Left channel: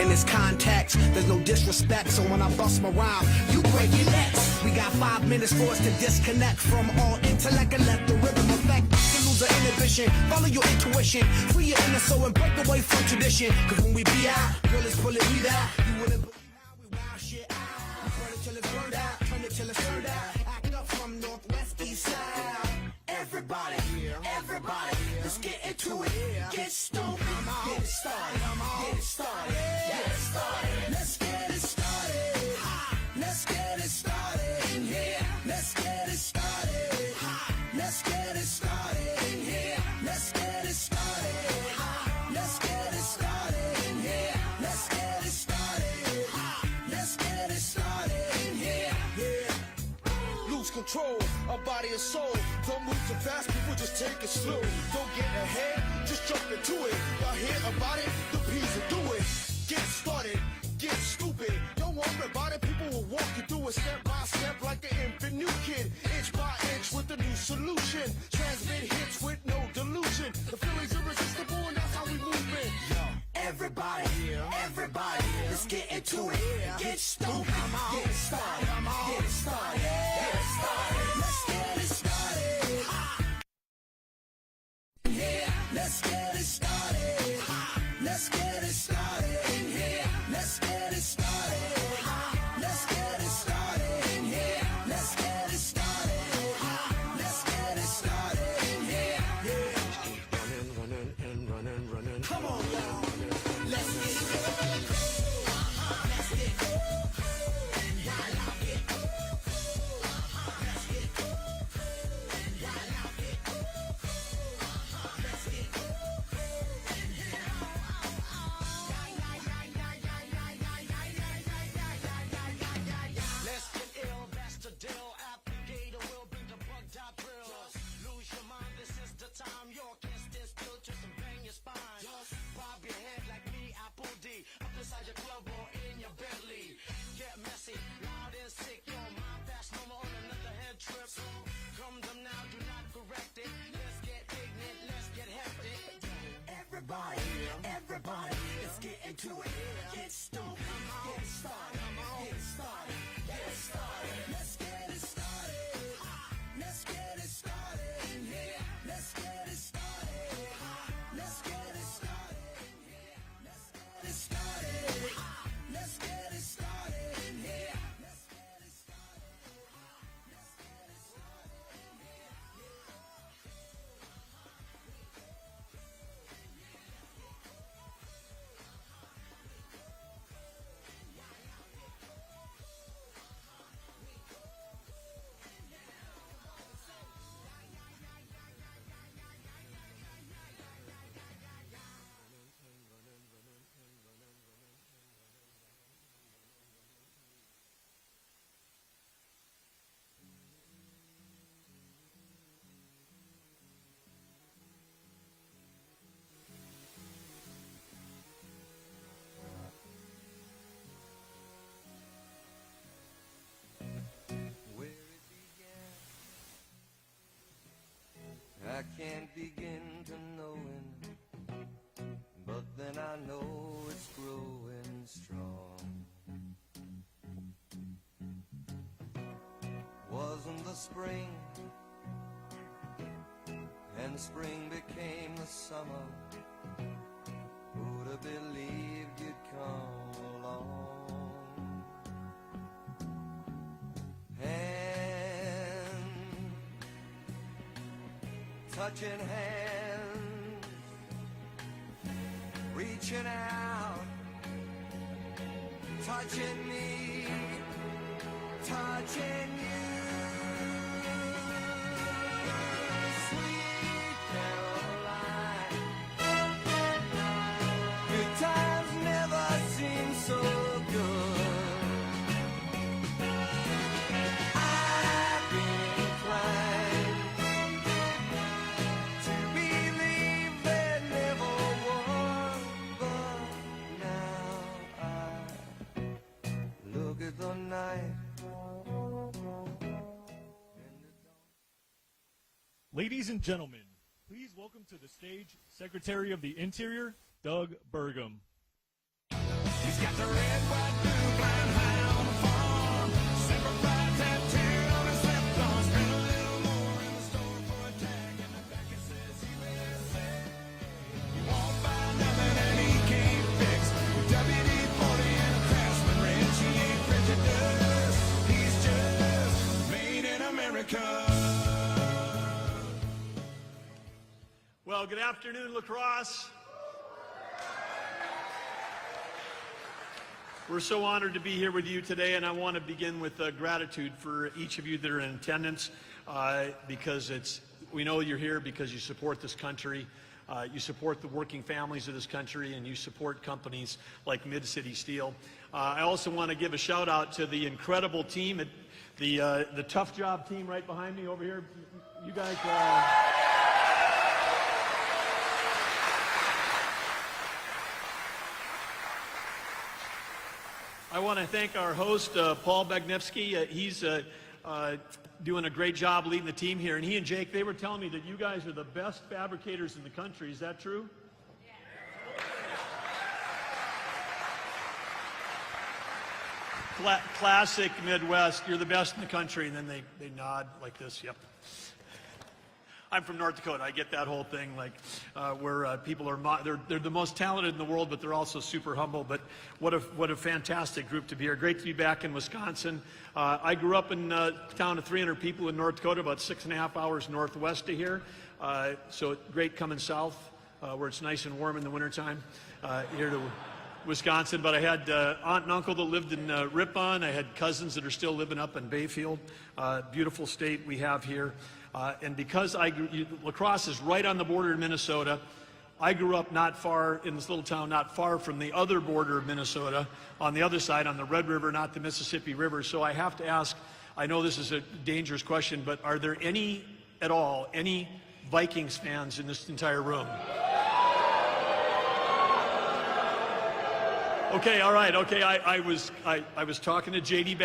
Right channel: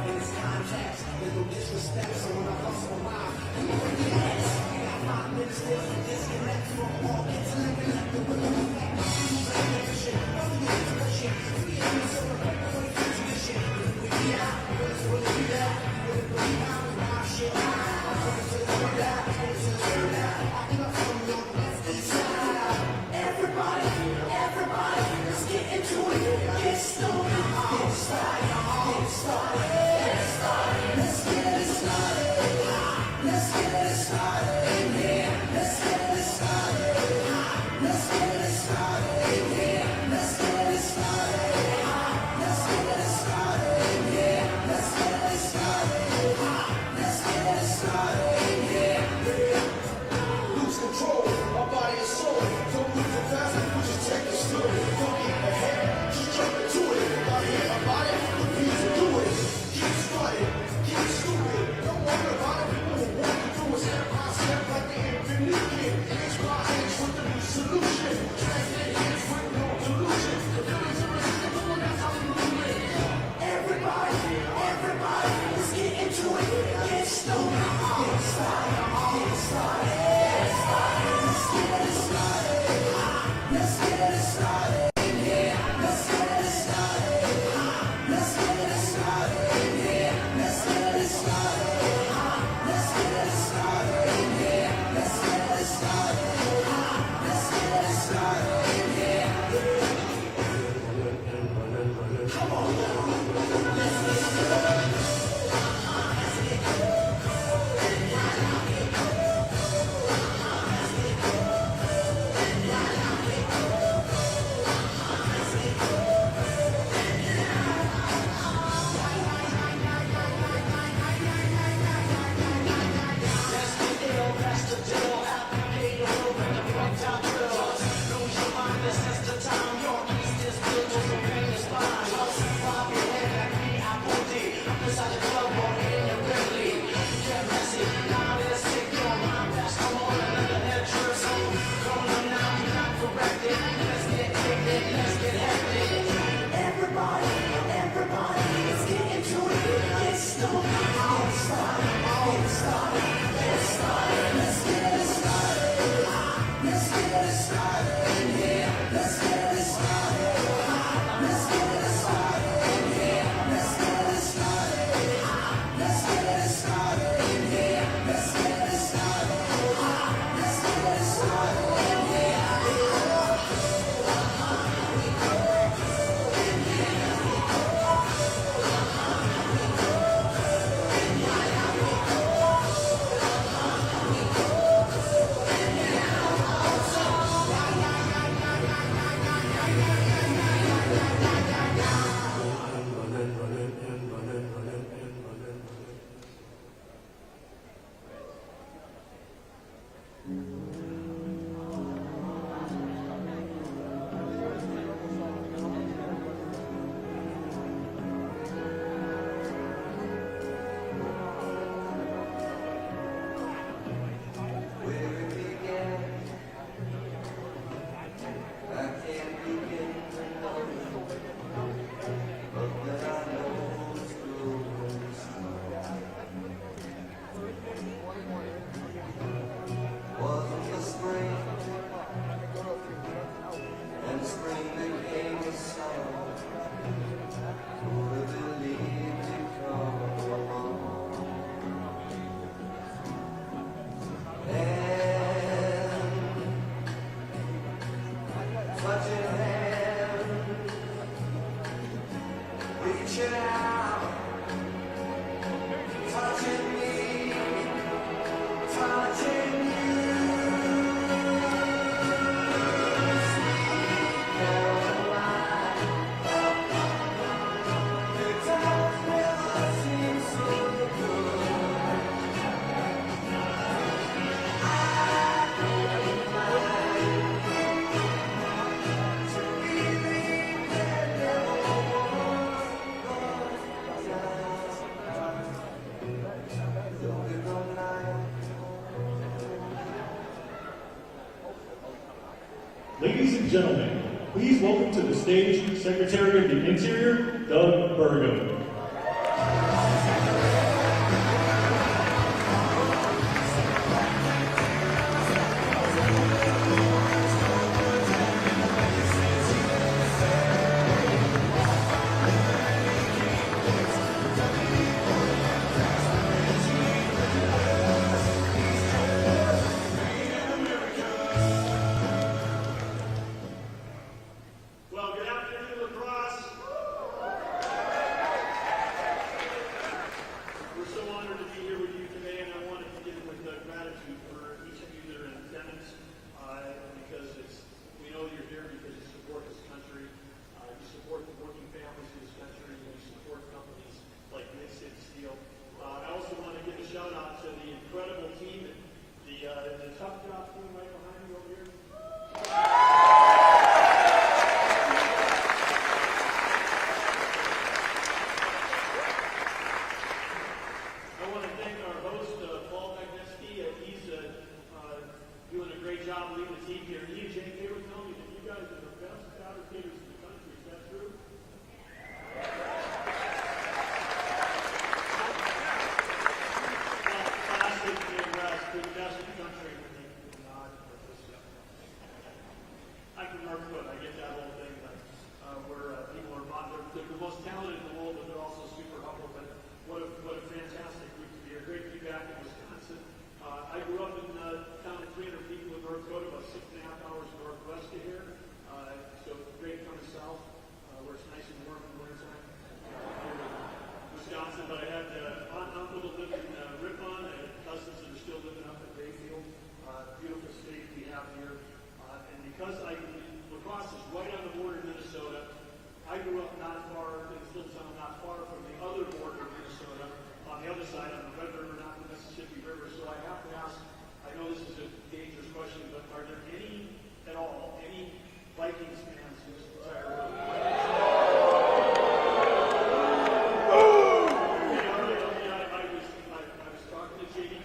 In this context, there's no disrespect, so when I bust my rhyme, you break your necks. We got 5 minutes for us to disconnect from all intellect and let the rhythm affect. Lose our inhibition, follow your intuition, free your inner soul and break away from tradition. Cause when we be out, girls will it be that? You wouldn't believe how we rock shit out. Everybody, let's get into it. Get stoned, get started, get started. Ladies and gentlemen, Please welcome to the stage Secretary of the Interior, Doug Bergam. We're so honored to be here with you today, and I want to begin with gratitude for each of you that are in attendance, because we know you're here because you support this country, you support the working families of this country, and you support companies like Mid-City Steel. I also want to give a shout out to the incredible team, the Tough Job team right behind me over here. You guys I want to thank our host, Paul Bagnevsky. He's doing a great job leading the team here. And he and Jake, they were telling me that you guys are the best fabricators in the country. Is that true? Classic Midwest. You're the best in the country. And then they nod like this. Yep. I'm from North Dakota. I get that whole thing, like where people are they're the most talented in the world, but they're also super humble. But what a fantastic group to be here. Great to be back in Wisconsin. I grew up in a town of 300 people in North Dakota, about 6.5 hours northwest of here. So great coming south, where it's nice and warm in the wintertime, here to Wisconsin. But I had aunt and uncle that lived in Ripon. I had cousins that are still living up in Bayfield. Beautiful state we have here. And because La Crosse is right on the border of Minnesota, I grew up not far in this little town, not far from the other border of Minnesota, on the other side, on the Red River, not the Mississippi River. So I have to ask, I know this is a dangerous question, but are there any Vikings fans in this entire room? Okay, all right, okay. I was talking to JD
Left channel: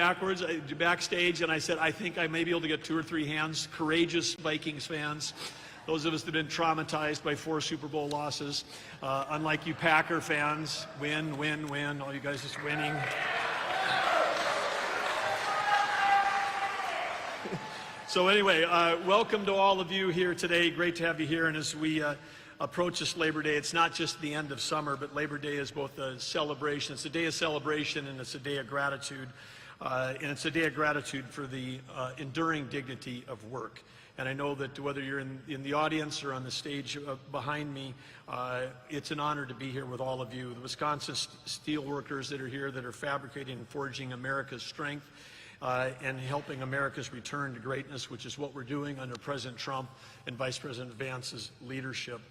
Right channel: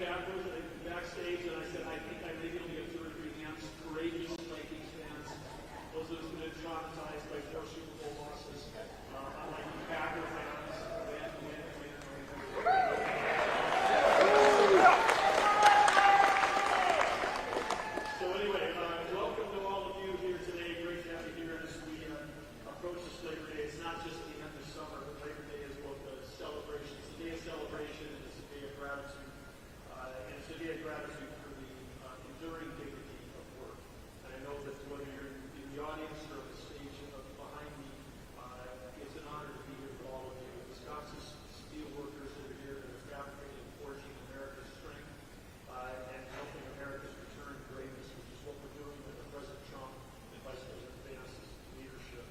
backstage, and I said, I think I may be able to get 2 or 3 hands. Courageous Vikings fans. Those of us that have been traumatized by 4 Super Bowl losses. Unlike you Packer fans, win. All you guys is winning. So anyway, welcome to all of you here today. Great to have you here. And as we approach this Labor Day, it's not just the end of summer, but Labor Day is both a celebration. It's a day of celebration, and it's a day of gratitude. And it's a day of gratitude for the enduring dignity of work. And I know that whether you're in the audience or on the stage behind me, it's an honor to be here with all of you. The Wisconsin steel workers that are here, that are fabricating and forging America's strength and helping America's return to greatness, which is what we're doing under President Trump and Vice President Vance's leadership.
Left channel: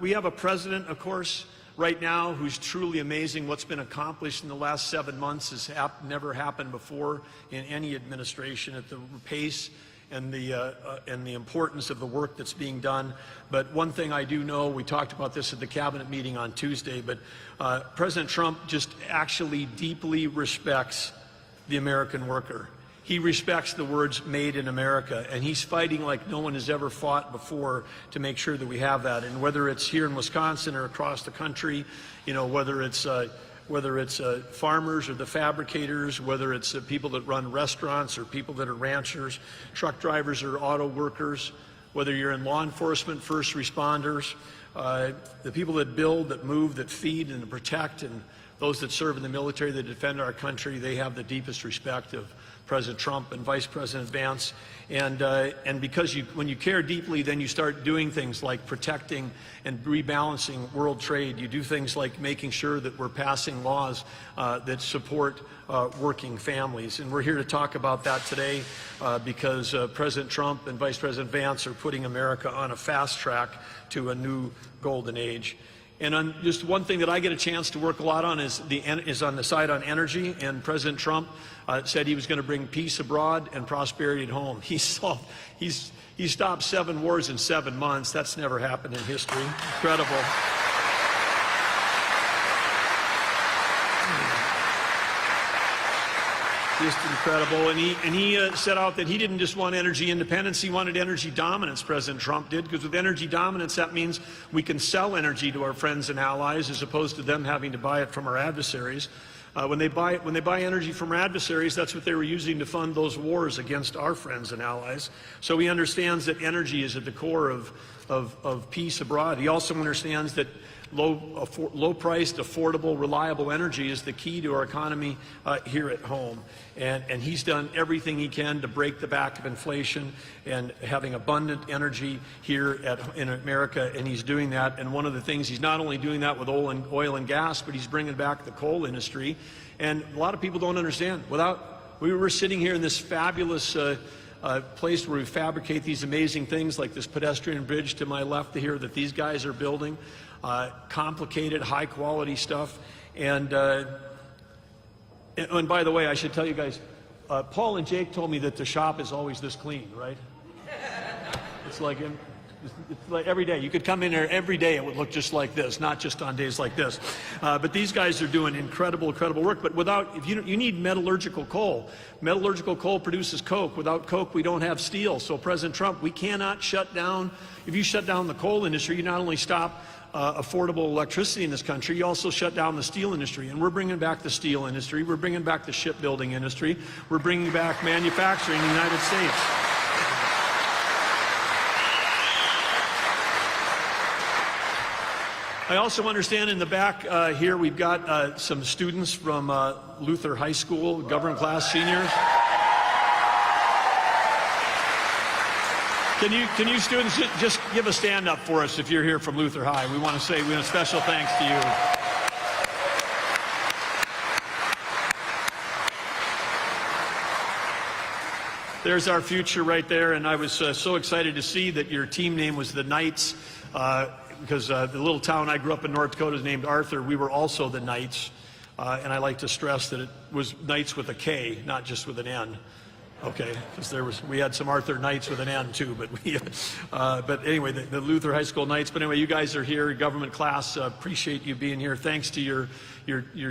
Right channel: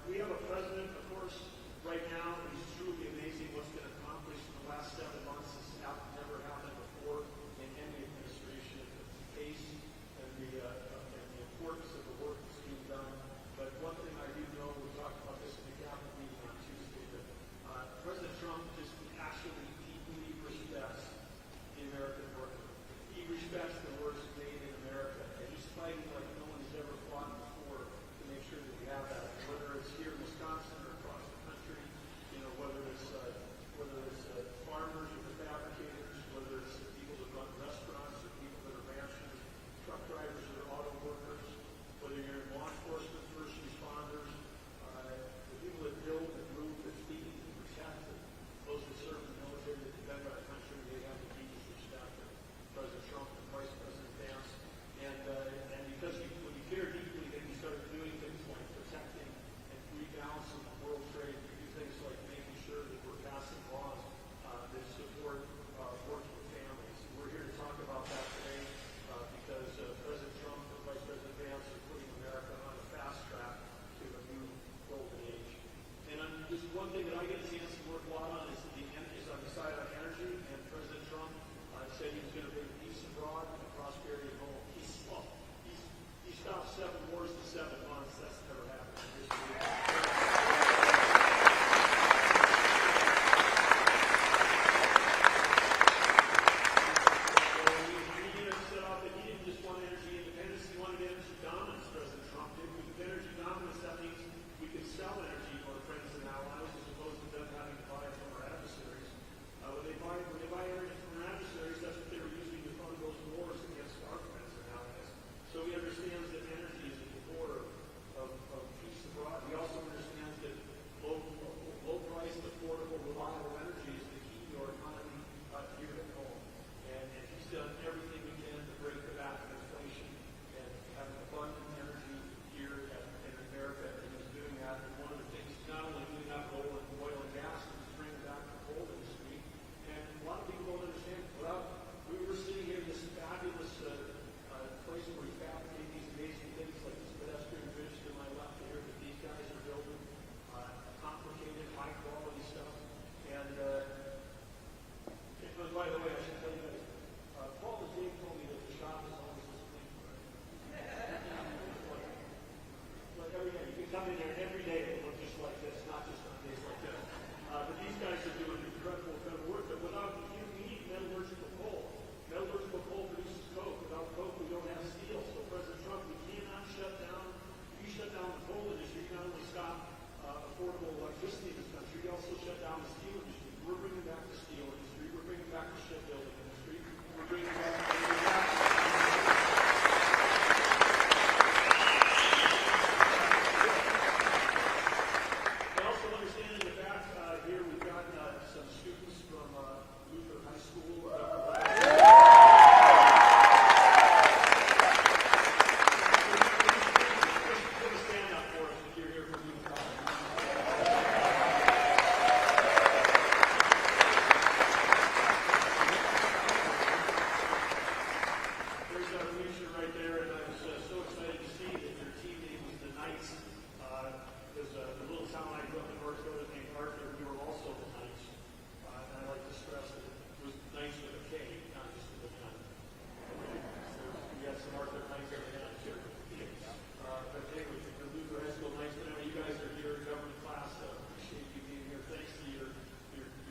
We have a president, of course, right now who's truly amazing. What's been accomplished in the last 7 months has never happened before in any administration at the pace and the importance of the work that's being done. But one thing I do know, we talked about this at the cabinet meeting on Tuesday, but President Trump just actually deeply respects the American worker. He respects the words "made in America," and he's fighting like no one has ever fought before to make sure that we have that. And whether it's here in Wisconsin or across the country, you know, whether it's farmers or the fabricators, whether it's people that run restaurants or people that are ranchers, truck drivers or auto workers, whether you're in law enforcement, first responders, the people that build, that move, that feed and protect, and those that serve in the military, that defend our country, they have the deepest respect of President Trump and Vice President Vance. And because when you care deeply, then you start doing things like protecting and rebalancing world trade. You do things like making sure that we're passing laws that support working families. And we're here to talk about that today because President Trump and Vice President Vance are putting America on a fast track to a new golden age. And on just one thing that I get a chance to work a lot on is on the side on energy. And President Trump said he was going to bring peace abroad and prosperity at home. He stopped 7 wars in 7 months. That's never happened in history. Incredible. Just incredible. And he set out that he didn't just want energy independence, he wanted energy dominance, President Trump did, because with energy dominance, that means we can sell energy to our friends and allies as opposed to them having to buy it from our adversaries. When they buy energy from our adversaries, that's what they were using to fund those wars against our friends and allies. So he understands that energy is at the core of peace abroad. He also understands that low-priced, affordable, reliable energy is the key to our economy here at home. And he's done everything he can to break the back of inflation and having abundant energy here in America, and he's doing that. And one of the things, he's not only doing that with oil and gas, but he's bringing back the coal industry. And a lot of people don't understand. We were sitting here in this fabulous place where we fabricate these amazing things like this pedestrian bridge to my left here that these guys are building. Complicated, high-quality stuff. And by the way, I should tell you guys, Paul and Jake told me that the shop is always this clean, right? It's like every day. You could come in here every day, it would look just like this, not just on days like this. But these guys are doing incredible work. But you need metallurgical coal. Metallurgical coal produces coke. Without coke, we don't have steel. So President Trump, we cannot shut down. If you shut down the coal industry, you not only stop affordable electricity in this country, you also shut down the steel industry. And we're bringing back the steel industry. We're bringing back the shipbuilding industry. We're bringing back manufacturing in the United States. I also understand in the back here we've got some students from Luther High School, government class senior. Can you students just give a stand up for us if you're here from Luther High? We want to say a special thanks to you. There's our future right there, and I was so excited to see that your team name was the Knights, because the little town I grew up in, North Dakota, is named Arthur. We were also the Knights, and I like to stress that it was Knights with a K, not just with an N. Okay, because we had some Arthur Knights with an N too, but anyway, the Luther High School Knights. But anyway, you guys are here, government class. Appreciate you being here. Thanks to your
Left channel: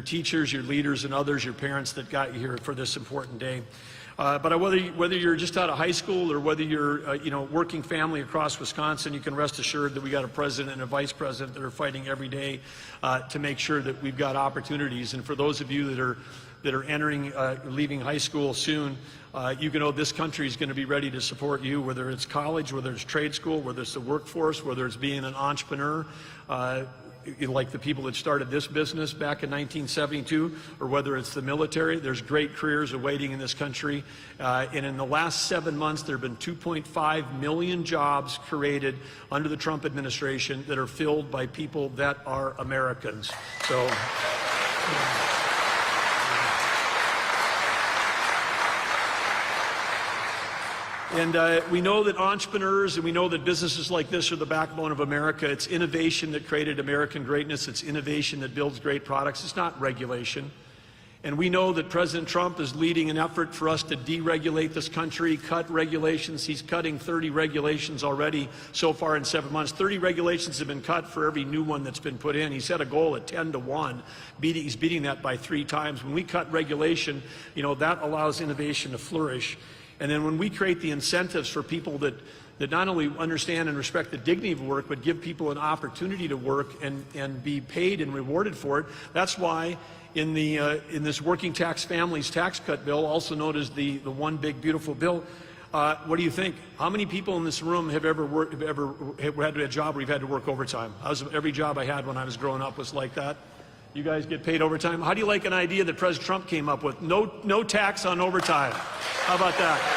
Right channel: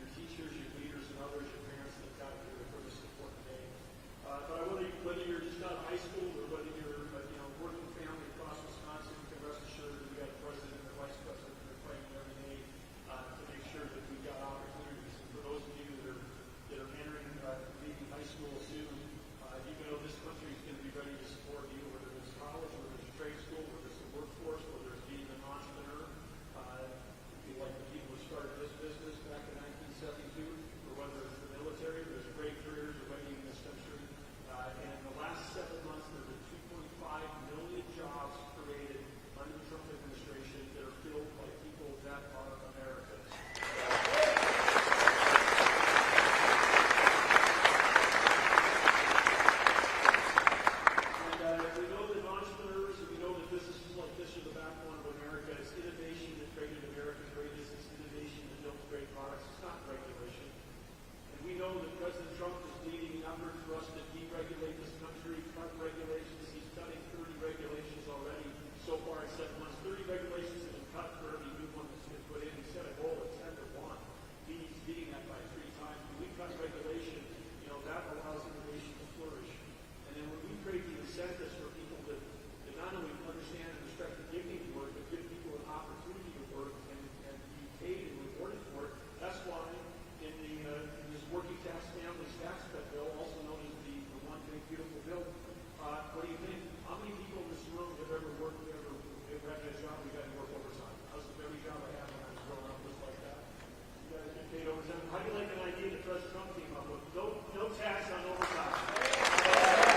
teachers, your leaders, and others, your parents that got you here for this important day. But whether you're just out of high school or whether you're working family across Wisconsin, you can rest assured that we got a president and a vice president that are fighting every day to make sure that we've got opportunities. And for those of you that are entering, leaving high school soon, you can know this country is going to be ready to support you, whether it's college, whether it's trade school, whether it's the workforce, whether it's being an entrepreneur, like the people that started this business back in 1972, or whether it's the military. There's great careers awaiting in this country. And in the last 7 months, there have been 2.5 million jobs created under the Trump administration that are filled by people that are Americans. So. And we know that entrepreneurs and we know that businesses like this are the backbone of America. It's innovation that created American greatness. It's innovation that builds great products. It's not regulation. And we know that President Trump is leading an effort for us to deregulate this country, cut regulations. He's cutting 30 regulations already so far in 7 months. 30 regulations have been cut for every new one that's been put in. He set a goal at 10 to 1. He's beating that by 3 times. When we cut regulation, that allows innovation to flourish. And then when we create the incentives for people that not only understand and respect the dignity of work, but give people an opportunity to work and be paid and rewarded for it, that's why in this working tax families tax cut bill, also known as the one big beautiful bill, what do you think? How many people in this room have ever had a job where you've had to work overtime? Every job I had when I was growing up was like that. You guys get paid overtime. How do you like an idea that President Trump came up with? No tax on overtime. How about that?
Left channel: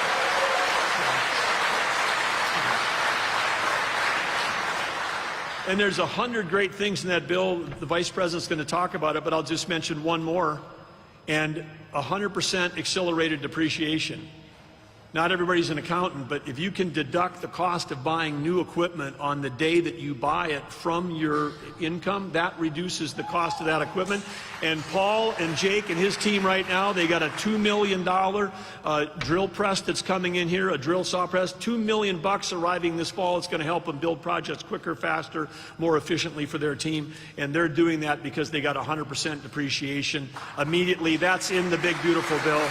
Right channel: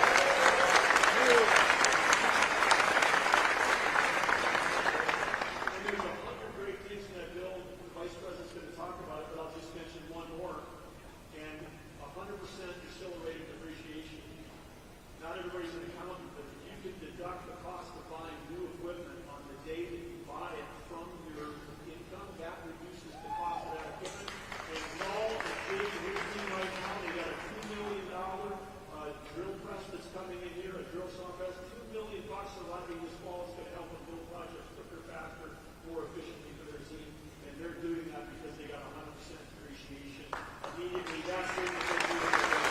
And there's 100 great things in that bill. The Vice President's going to talk about it, but I'll just mention one more. And 100% accelerated depreciation. Not everybody's an accountant, but if you can deduct the cost of buying new equipment on the day that you buy it from your income, that reduces the cost of that equipment. And Paul and Jake and his team right now, they got a $2 million drill press that's coming in here, a drill saw press, $2 million arriving this fall. It's going to help them build projects quicker, faster, more efficiently for their team. And they're doing that because they got 100% depreciation immediately. That's in the big, beautiful bill.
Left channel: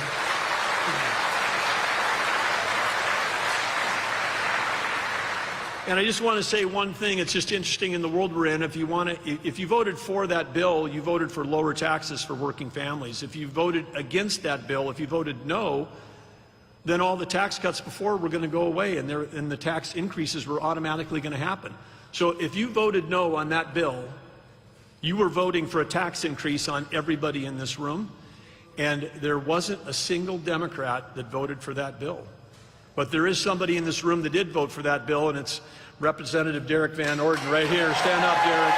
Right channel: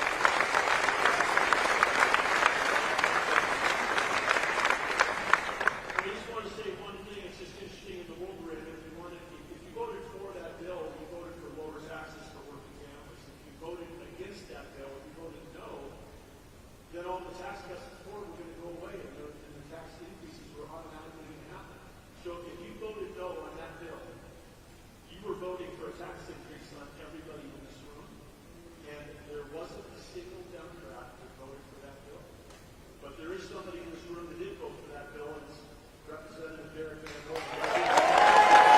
And I just want to say one thing. It's just interesting in the world we're in. If you voted for that bill, you voted for lower taxes for working families. If you voted against that bill, if you voted no, then all the tax cuts before were going to go away, and the tax increases were automatically going to happen. So if you voted no on that bill, you were voting for a tax increase on everybody in this room, and there wasn't a single Democrat that voted for that bill. But there is somebody in this room that did vote for that bill, and it's Representative Derek Van Orden right here. Stand up, Derek.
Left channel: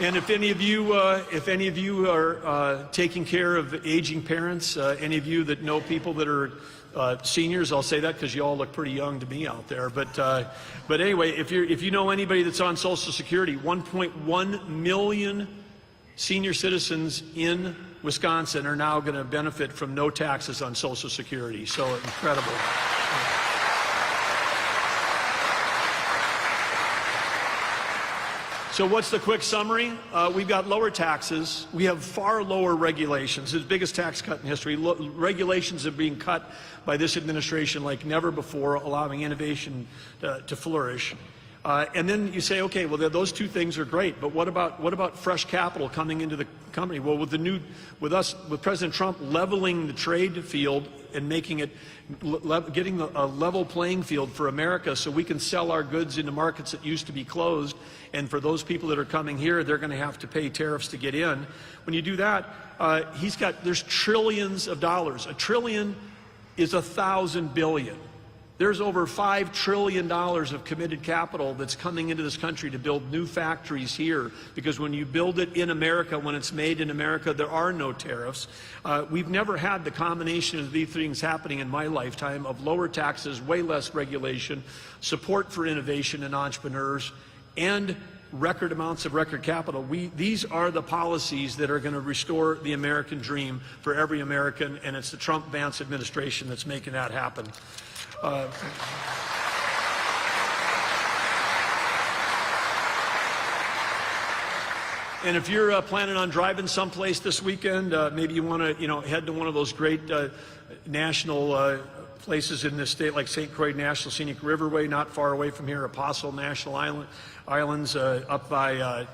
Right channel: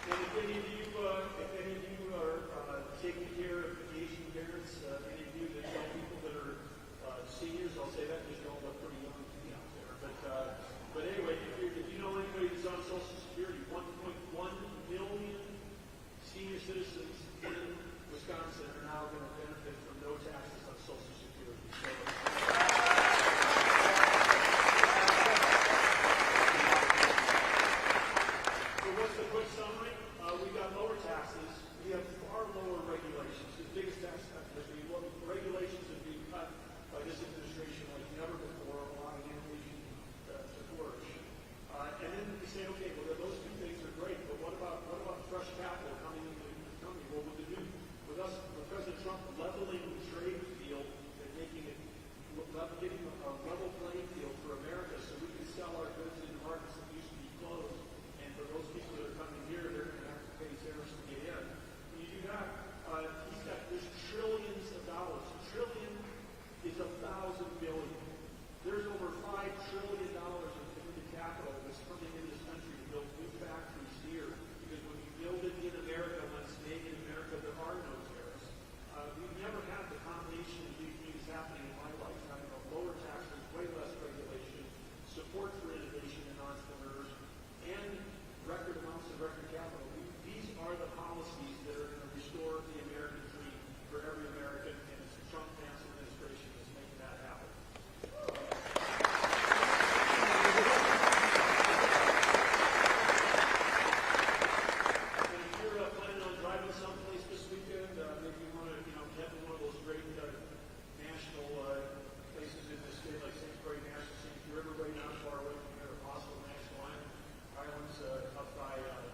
And if any of you are taking care of aging parents, any of you that know people that are seniors, I'll say that because you all look pretty young to me out there. But anyway, if you know anybody that's on Social Security, 1.1 million senior citizens in Wisconsin are now going to benefit from no taxes on Social Security. So incredible. So what's the quick summary? We've got lower taxes. We have far lower regulations. It's the biggest tax cut in history. Regulations are being cut by this administration like never before, allowing innovation to flourish. And then you say, okay, well, those two things are great, but what about fresh capital coming into the company? Well, with President Trump leveling the trade field and making it, getting a level playing field for America so we can sell our goods into markets that used to be closed, and for those people that are coming here, they're going to have to pay tariffs to get in. When you do that, there's trillions of dollars. A trillion is 1,000 billion. There's over $5 trillion of committed capital that's coming into this country to build new factories here, because when you build it in America, when it's made in America, there are no tariffs. We've never had the combination of these things happening in my lifetime of lower taxes, way less regulation, support for innovation and entrepreneurs, and record amounts of record capital. These are the policies that are going to restore the American dream for every American, and it's the Trump-Vance administration that's making that happen. And if you're planning on driving someplace this weekend, maybe you want to, head to one of those great national places in this state, like St. Croix National Scenic Riverway, not far away from here, Apostle National Islands, up by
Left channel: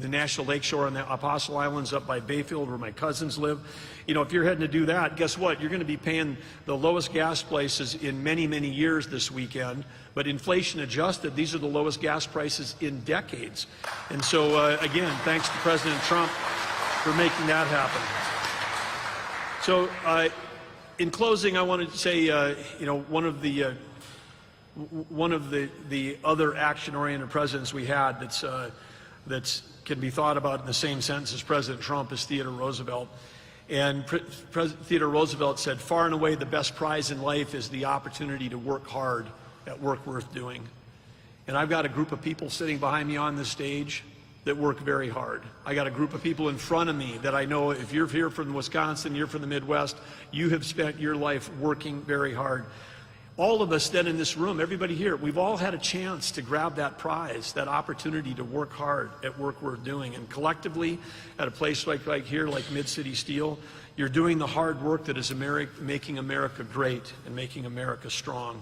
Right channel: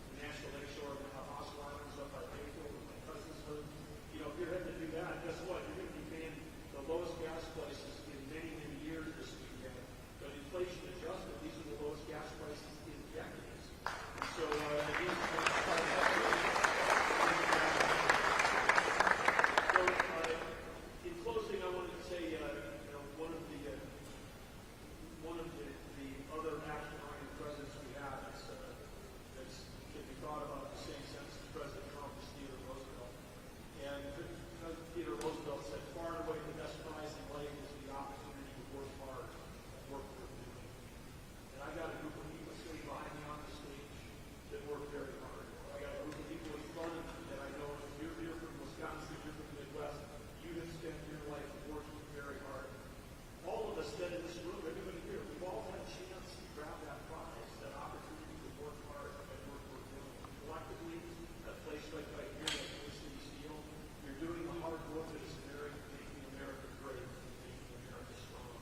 the National Lakeshore on the Apostle Islands, up by Bayfield, where my cousins live. If you're heading to do that, guess what? You're going to be paying the lowest gas prices in many, many years this weekend. But inflation adjusted, these are the lowest gas prices in decades. And so, again, thanks to President Trump for making that happen. So, in closing, I wanted to say, one of the other action-oriented presidents we had that's can be thought about in the same sense as President Trump is Theodore Roosevelt. And President Theodore Roosevelt said, far and away the best prize in life is the opportunity to work hard at work worth doing. And I've got a group of people sitting behind me on this stage that work very hard. I got a group of people in front of me that I know, if you're here from Wisconsin, you're from the Midwest, you have spent your life working very hard. All of us then in this room, everybody here, we've all had a chance to grab that prize, that opportunity to work hard at work worth doing. And collectively, at a place like here, like Mid-City Steel, you're doing the hard work that is making America great and making America strong.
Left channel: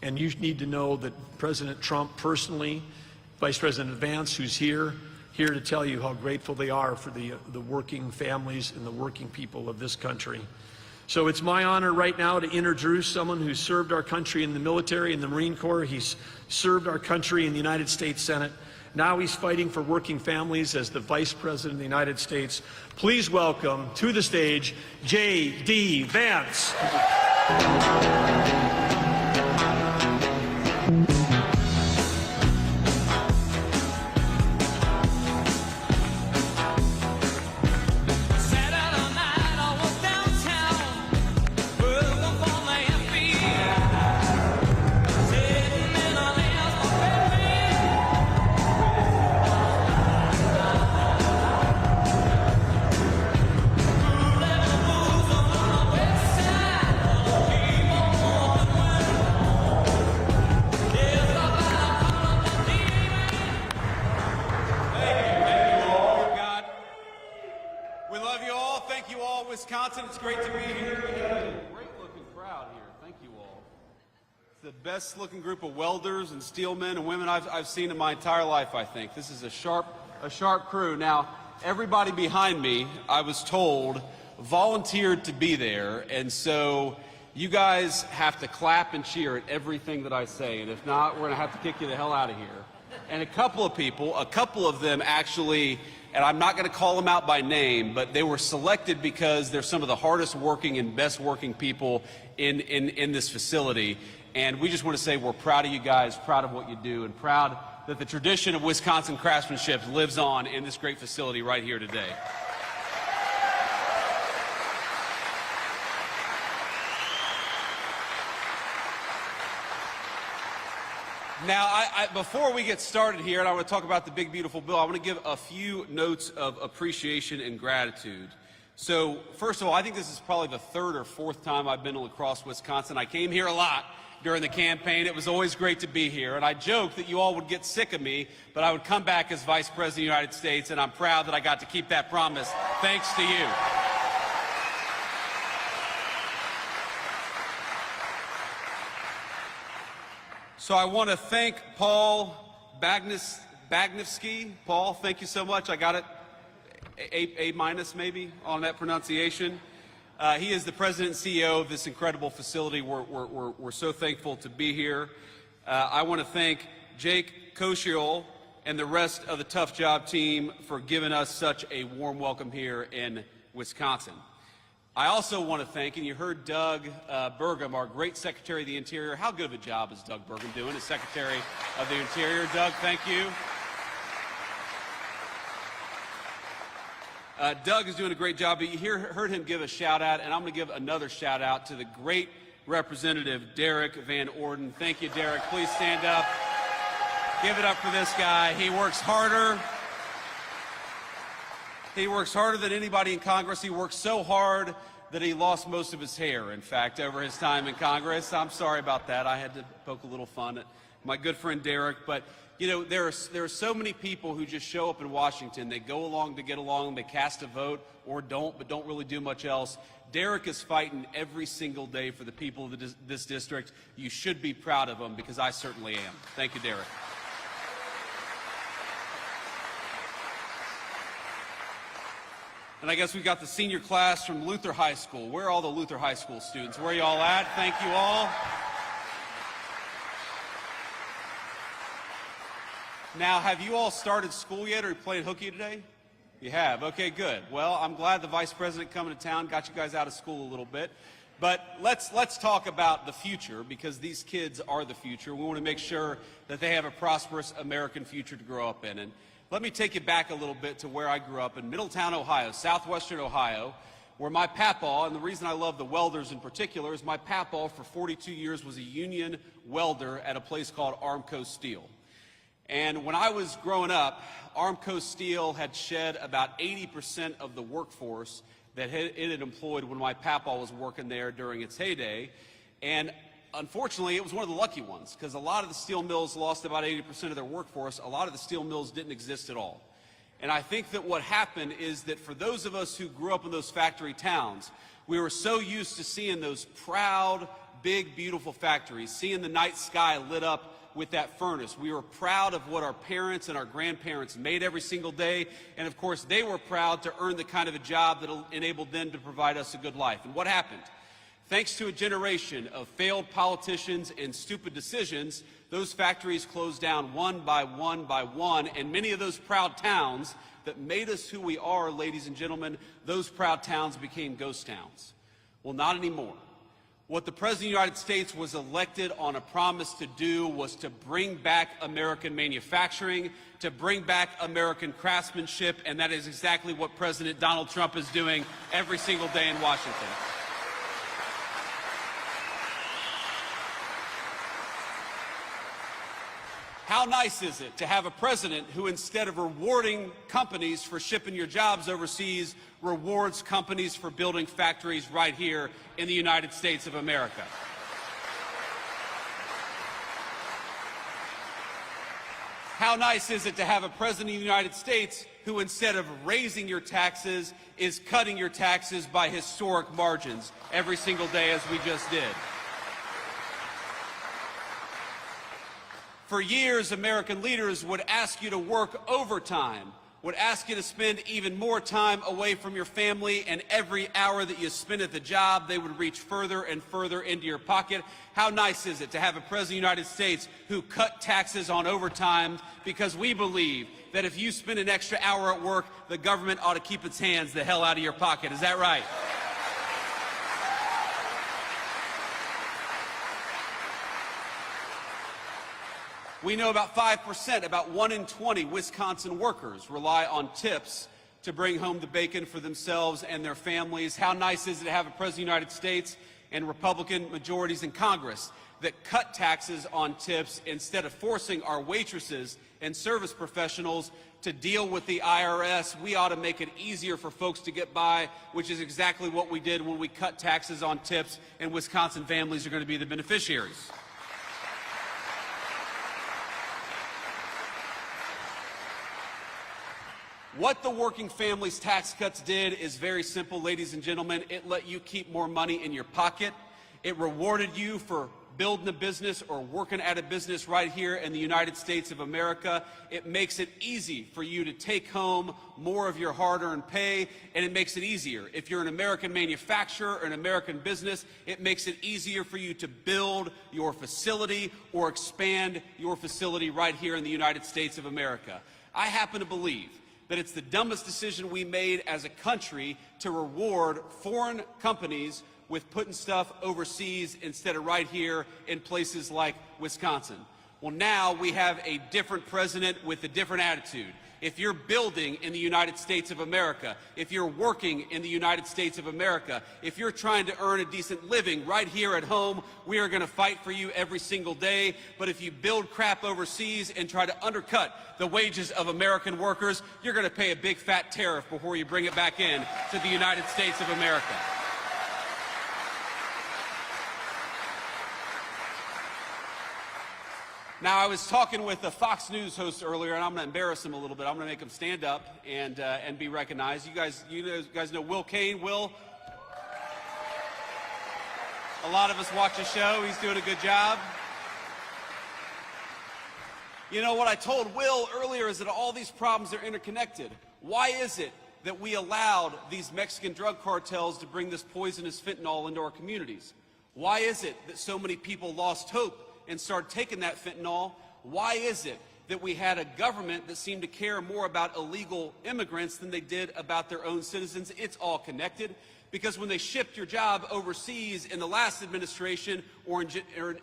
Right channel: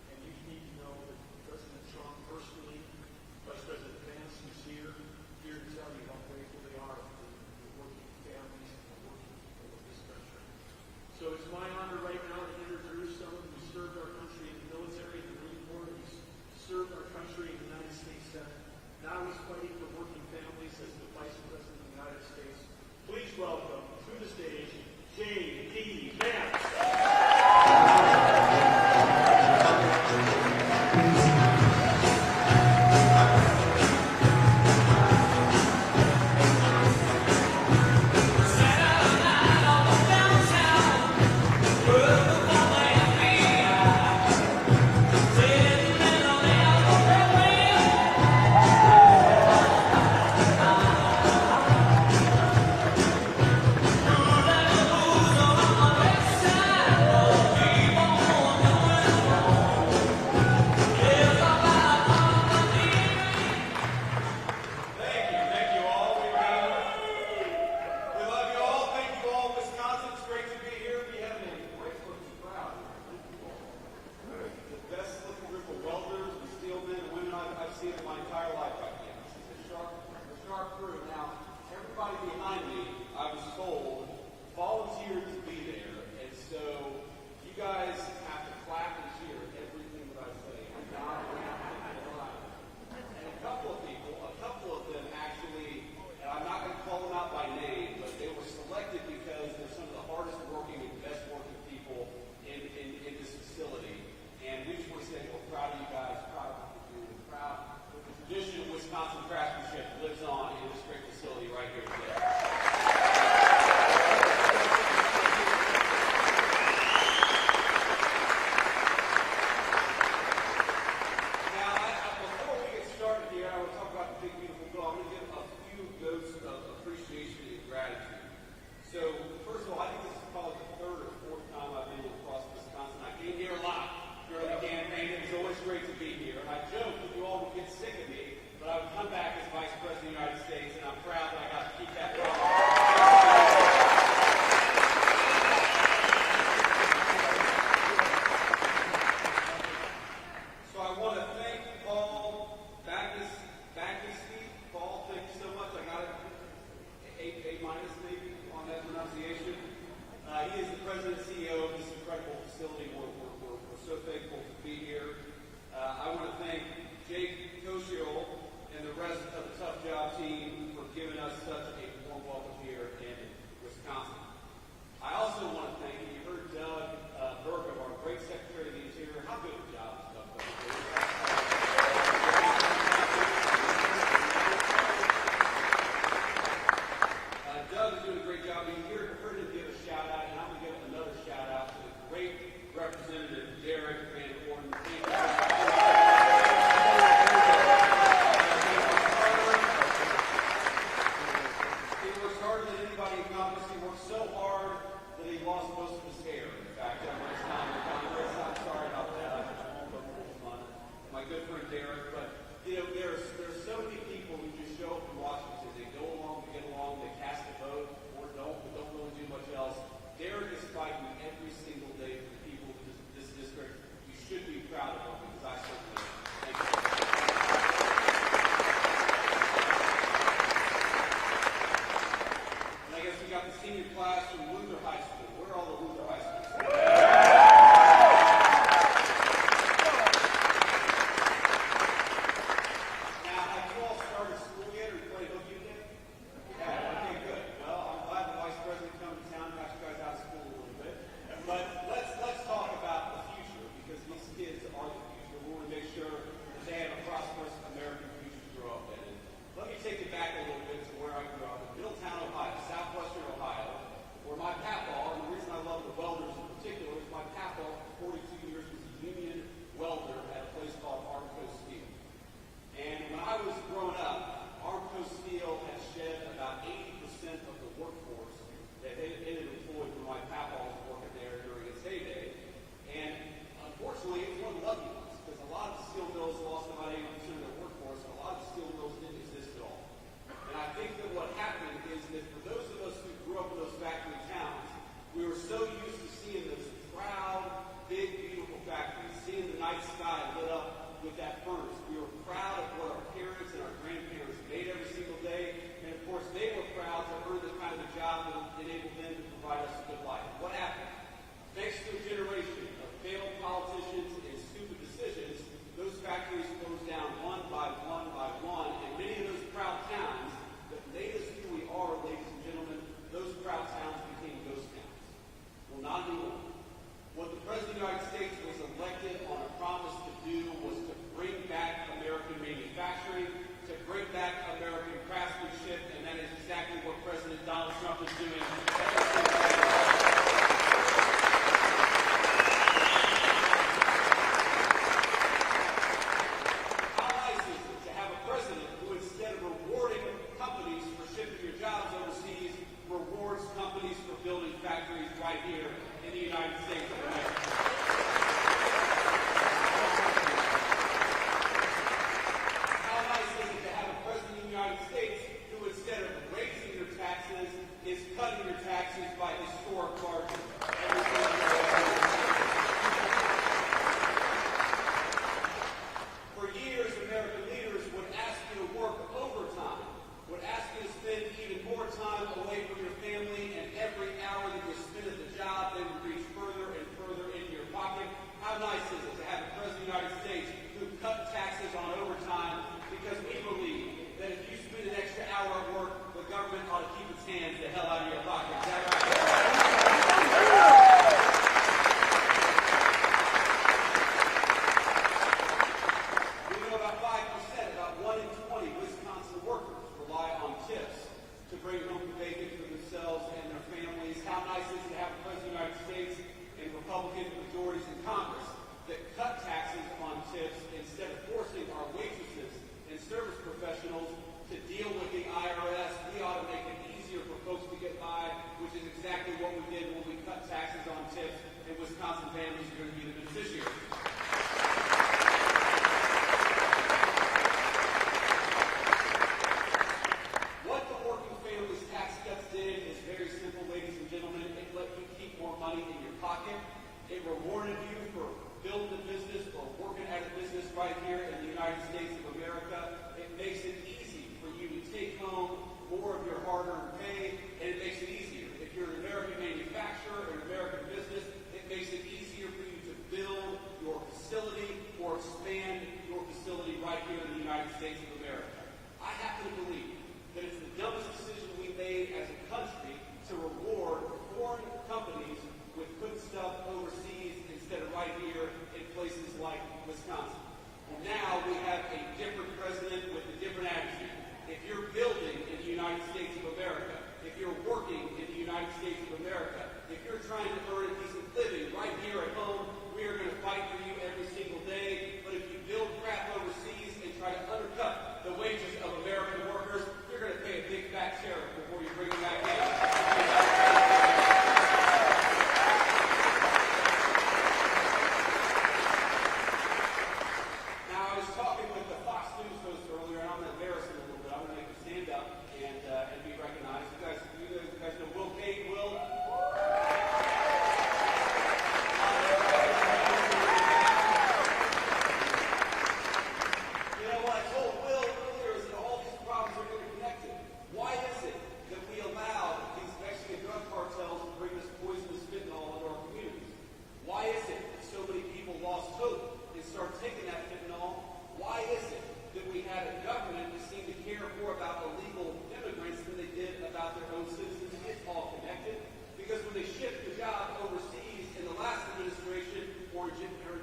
And you need to know that President Trump personally, Vice President Vance, who's here to tell you how grateful they are for the working families and the working people of this country. So it's my honor right now to introduce someone who served our country in the military, in the Marine Corps. He's served our country in the United States Senate. Now he's fighting for working families as the Vice President of the United States. Please welcome to the stage, JD Vance. great to be here. We have a great looking crowd here. Thank you all. The best looking group of welders and steel men and women I've seen in my entire life, I think. This is a sharp crew. Now, everybody behind me, I was told, volunteered to be there, and so you guys have to clap and cheer at everything that I say, and if not, we're gonna have to kick you the hell out of here. And a couple of them actually, and I'm not gonna call them out by name, but they were selected because they're some of the hardest working and best working people in this facility. And we just want to say we're proud of you guys, proud of what you do, and proud that the tradition of Wisconsin craftsmanship lives on in this great facility right here today. Now, before we get started here, and I want to talk about the big, beautiful bill, I want to give a few notes of appreciation and gratitude. So, first of all, I think this is probably the third or fourth time I've been to La Crosse, Wisconsin. I came here a lot during the campaign. It was always great to be here, and I joked that you all would get sick of me, but I would come back as Vice President of the United States, and I'm proud that I got to keep that promise, thanks to you. So I want to thank Paul Bagnevsky. Paul, thank you so much. I got it A minus maybe on that pronunciation. He is the president and CEO of this incredible facility. We're so thankful to be here. I want to thank Jake Koshiol and the rest of the Tough Job team for giving us such a warm welcome here in Wisconsin. I also want to thank, and you heard Doug Bergam, our great Secretary of the Interior. How good of a job is Doug Bergam doing as Secretary of the Interior? Doug, thank you. Doug is doing a great job, but you heard him give a shout out, and I'm going to give another shout out to the great Representative Derek Van Orden. Thank you, Derek. Please stand up. Give it up for this guy. He works harder than anybody in Congress. He works so hard that he lost most of his hair, in fact, over his time in Congress. I'm sorry about that. I had to poke a little fun at my good friend Derek. But, you know, there are so many people who just show up in Washington. They go along to get along. They cast a vote or don't, but don't really do much else. Derek is fighting every single day for the people of this district. You should be proud of him, because I certainly am. Thank you, Derek. And I guess we've got the senior class from Luther High School. Where are all the Luther High School students? Where are y'all at? Thank you all. Now, have you all started school yet, or are you playing hooky today? You have? Okay, good. Well, I'm glad the Vice President coming to town got you guys out of school a little bit. But let's talk about the future, because these kids are the future. We want to make sure that they have a prosperous American future to grow up in. And let me take you back a little bit to where I grew up in Middletown, Ohio, southwestern Ohio, where my papaw, and the reason I love the welders in particular, is my papaw for 42 years was a union welder at a place called Armco Steel. And when I was growing up, Armco Steel had shed about 80% of the workforce that it had employed when my papaw was working there during its heyday. And unfortunately, it was one of the lucky ones, because a lot of the steel mills lost about 80% of their workforce. A lot of the steel mills didn't exist at all. And I think that what happened is that for those of us who grew up in those factory towns, we were so used to seeing those proud, big, beautiful factories, seeing the night sky lit up with that furnace. We were proud of what our parents and our grandparents made every single day, and of course they were proud to earn the kind of a job that enabled them to provide us a good life. And what happened? Thanks to a generation of failed politicians and stupid decisions, those factories closed down one by one by one, and many of those proud towns that made us who we are, ladies and gentlemen, those proud towns became ghost towns. Well, not anymore. What the President of the United States was elected on a promise to do was to bring back American manufacturing, to bring back American craftsmanship, and that is exactly what President Donald Trump is doing every single day in Washington. How nice is it to have a president who, instead of rewarding companies for shipping your jobs overseas, rewards companies for building factories right here in the United States of America? How nice is it to have a president of the United States who, instead of raising your taxes is cutting your taxes by historic margins every single day, as we just did. For years, American leaders would ask you to work overtime, would ask you to spend even more time away from your family, and every hour that you spent at the job, they would reach further and further into your pocket. How nice is it to have a President of the United States who cut taxes on overtime, because we believe that if you spend an extra hour at work, the government ought to keep its hands the hell out of your pocket. Is that right? We know about 5%, about 1 in 20 Wisconsin workers rely on tips to bring home the bacon for themselves and their families. How nice is it to have a President of the United States and Republican majorities in Congress that cut taxes on tips instead of forcing our waitresses and service professionals to deal with the IRS. We ought to make it easier for folks to get by, which is exactly what we did when we cut taxes on tips, and Wisconsin families are going to be the beneficiaries. What the Working Families Tax Cuts did is very simple, ladies and gentlemen. It let you keep more money in your pocket. It rewarded you for building a business or working at a business right here in the United States of America. It makes it easy for you to take home more of your hard-earned pay, and it makes it easier. If you're an American manufacturer or an American business, it makes it easier for you to build your facility or expand your facility right here in the United States of America. I happen to believe that it's the dumbest decision we made as a country to reward foreign companies with putting stuff overseas instead of right here in places like Wisconsin. Well, now we have a different president with a different attitude. If you're building in the United States of America, if you're working in the United States of America, if you're trying to earn a decent living right here at home, we are going to fight for you every single day. But if you build crap overseas and try to undercut the wages of American workers, you're going to pay a big fat tariff before you bring it back in to the United States of America. Now, I was talking with a Fox News host earlier, and I'm going to embarrass him a little bit. I'm going to make him stand up and be recognized. You guys know Will Kane. Will? A lot of us watch the show. He's doing a good job. You know, what I told Will earlier is that all these problems are interconnected. Why is it that we allowed these Mexican drug cartels to bring this poisonous fentanyl into our communities? Why is it that so many people lost hope and started taking that fentanyl? Why is it that we had a government that seemed to care more about illegal immigrants than they did about their own citizens? It's all connected, because when they shipped your job overseas in the last administration or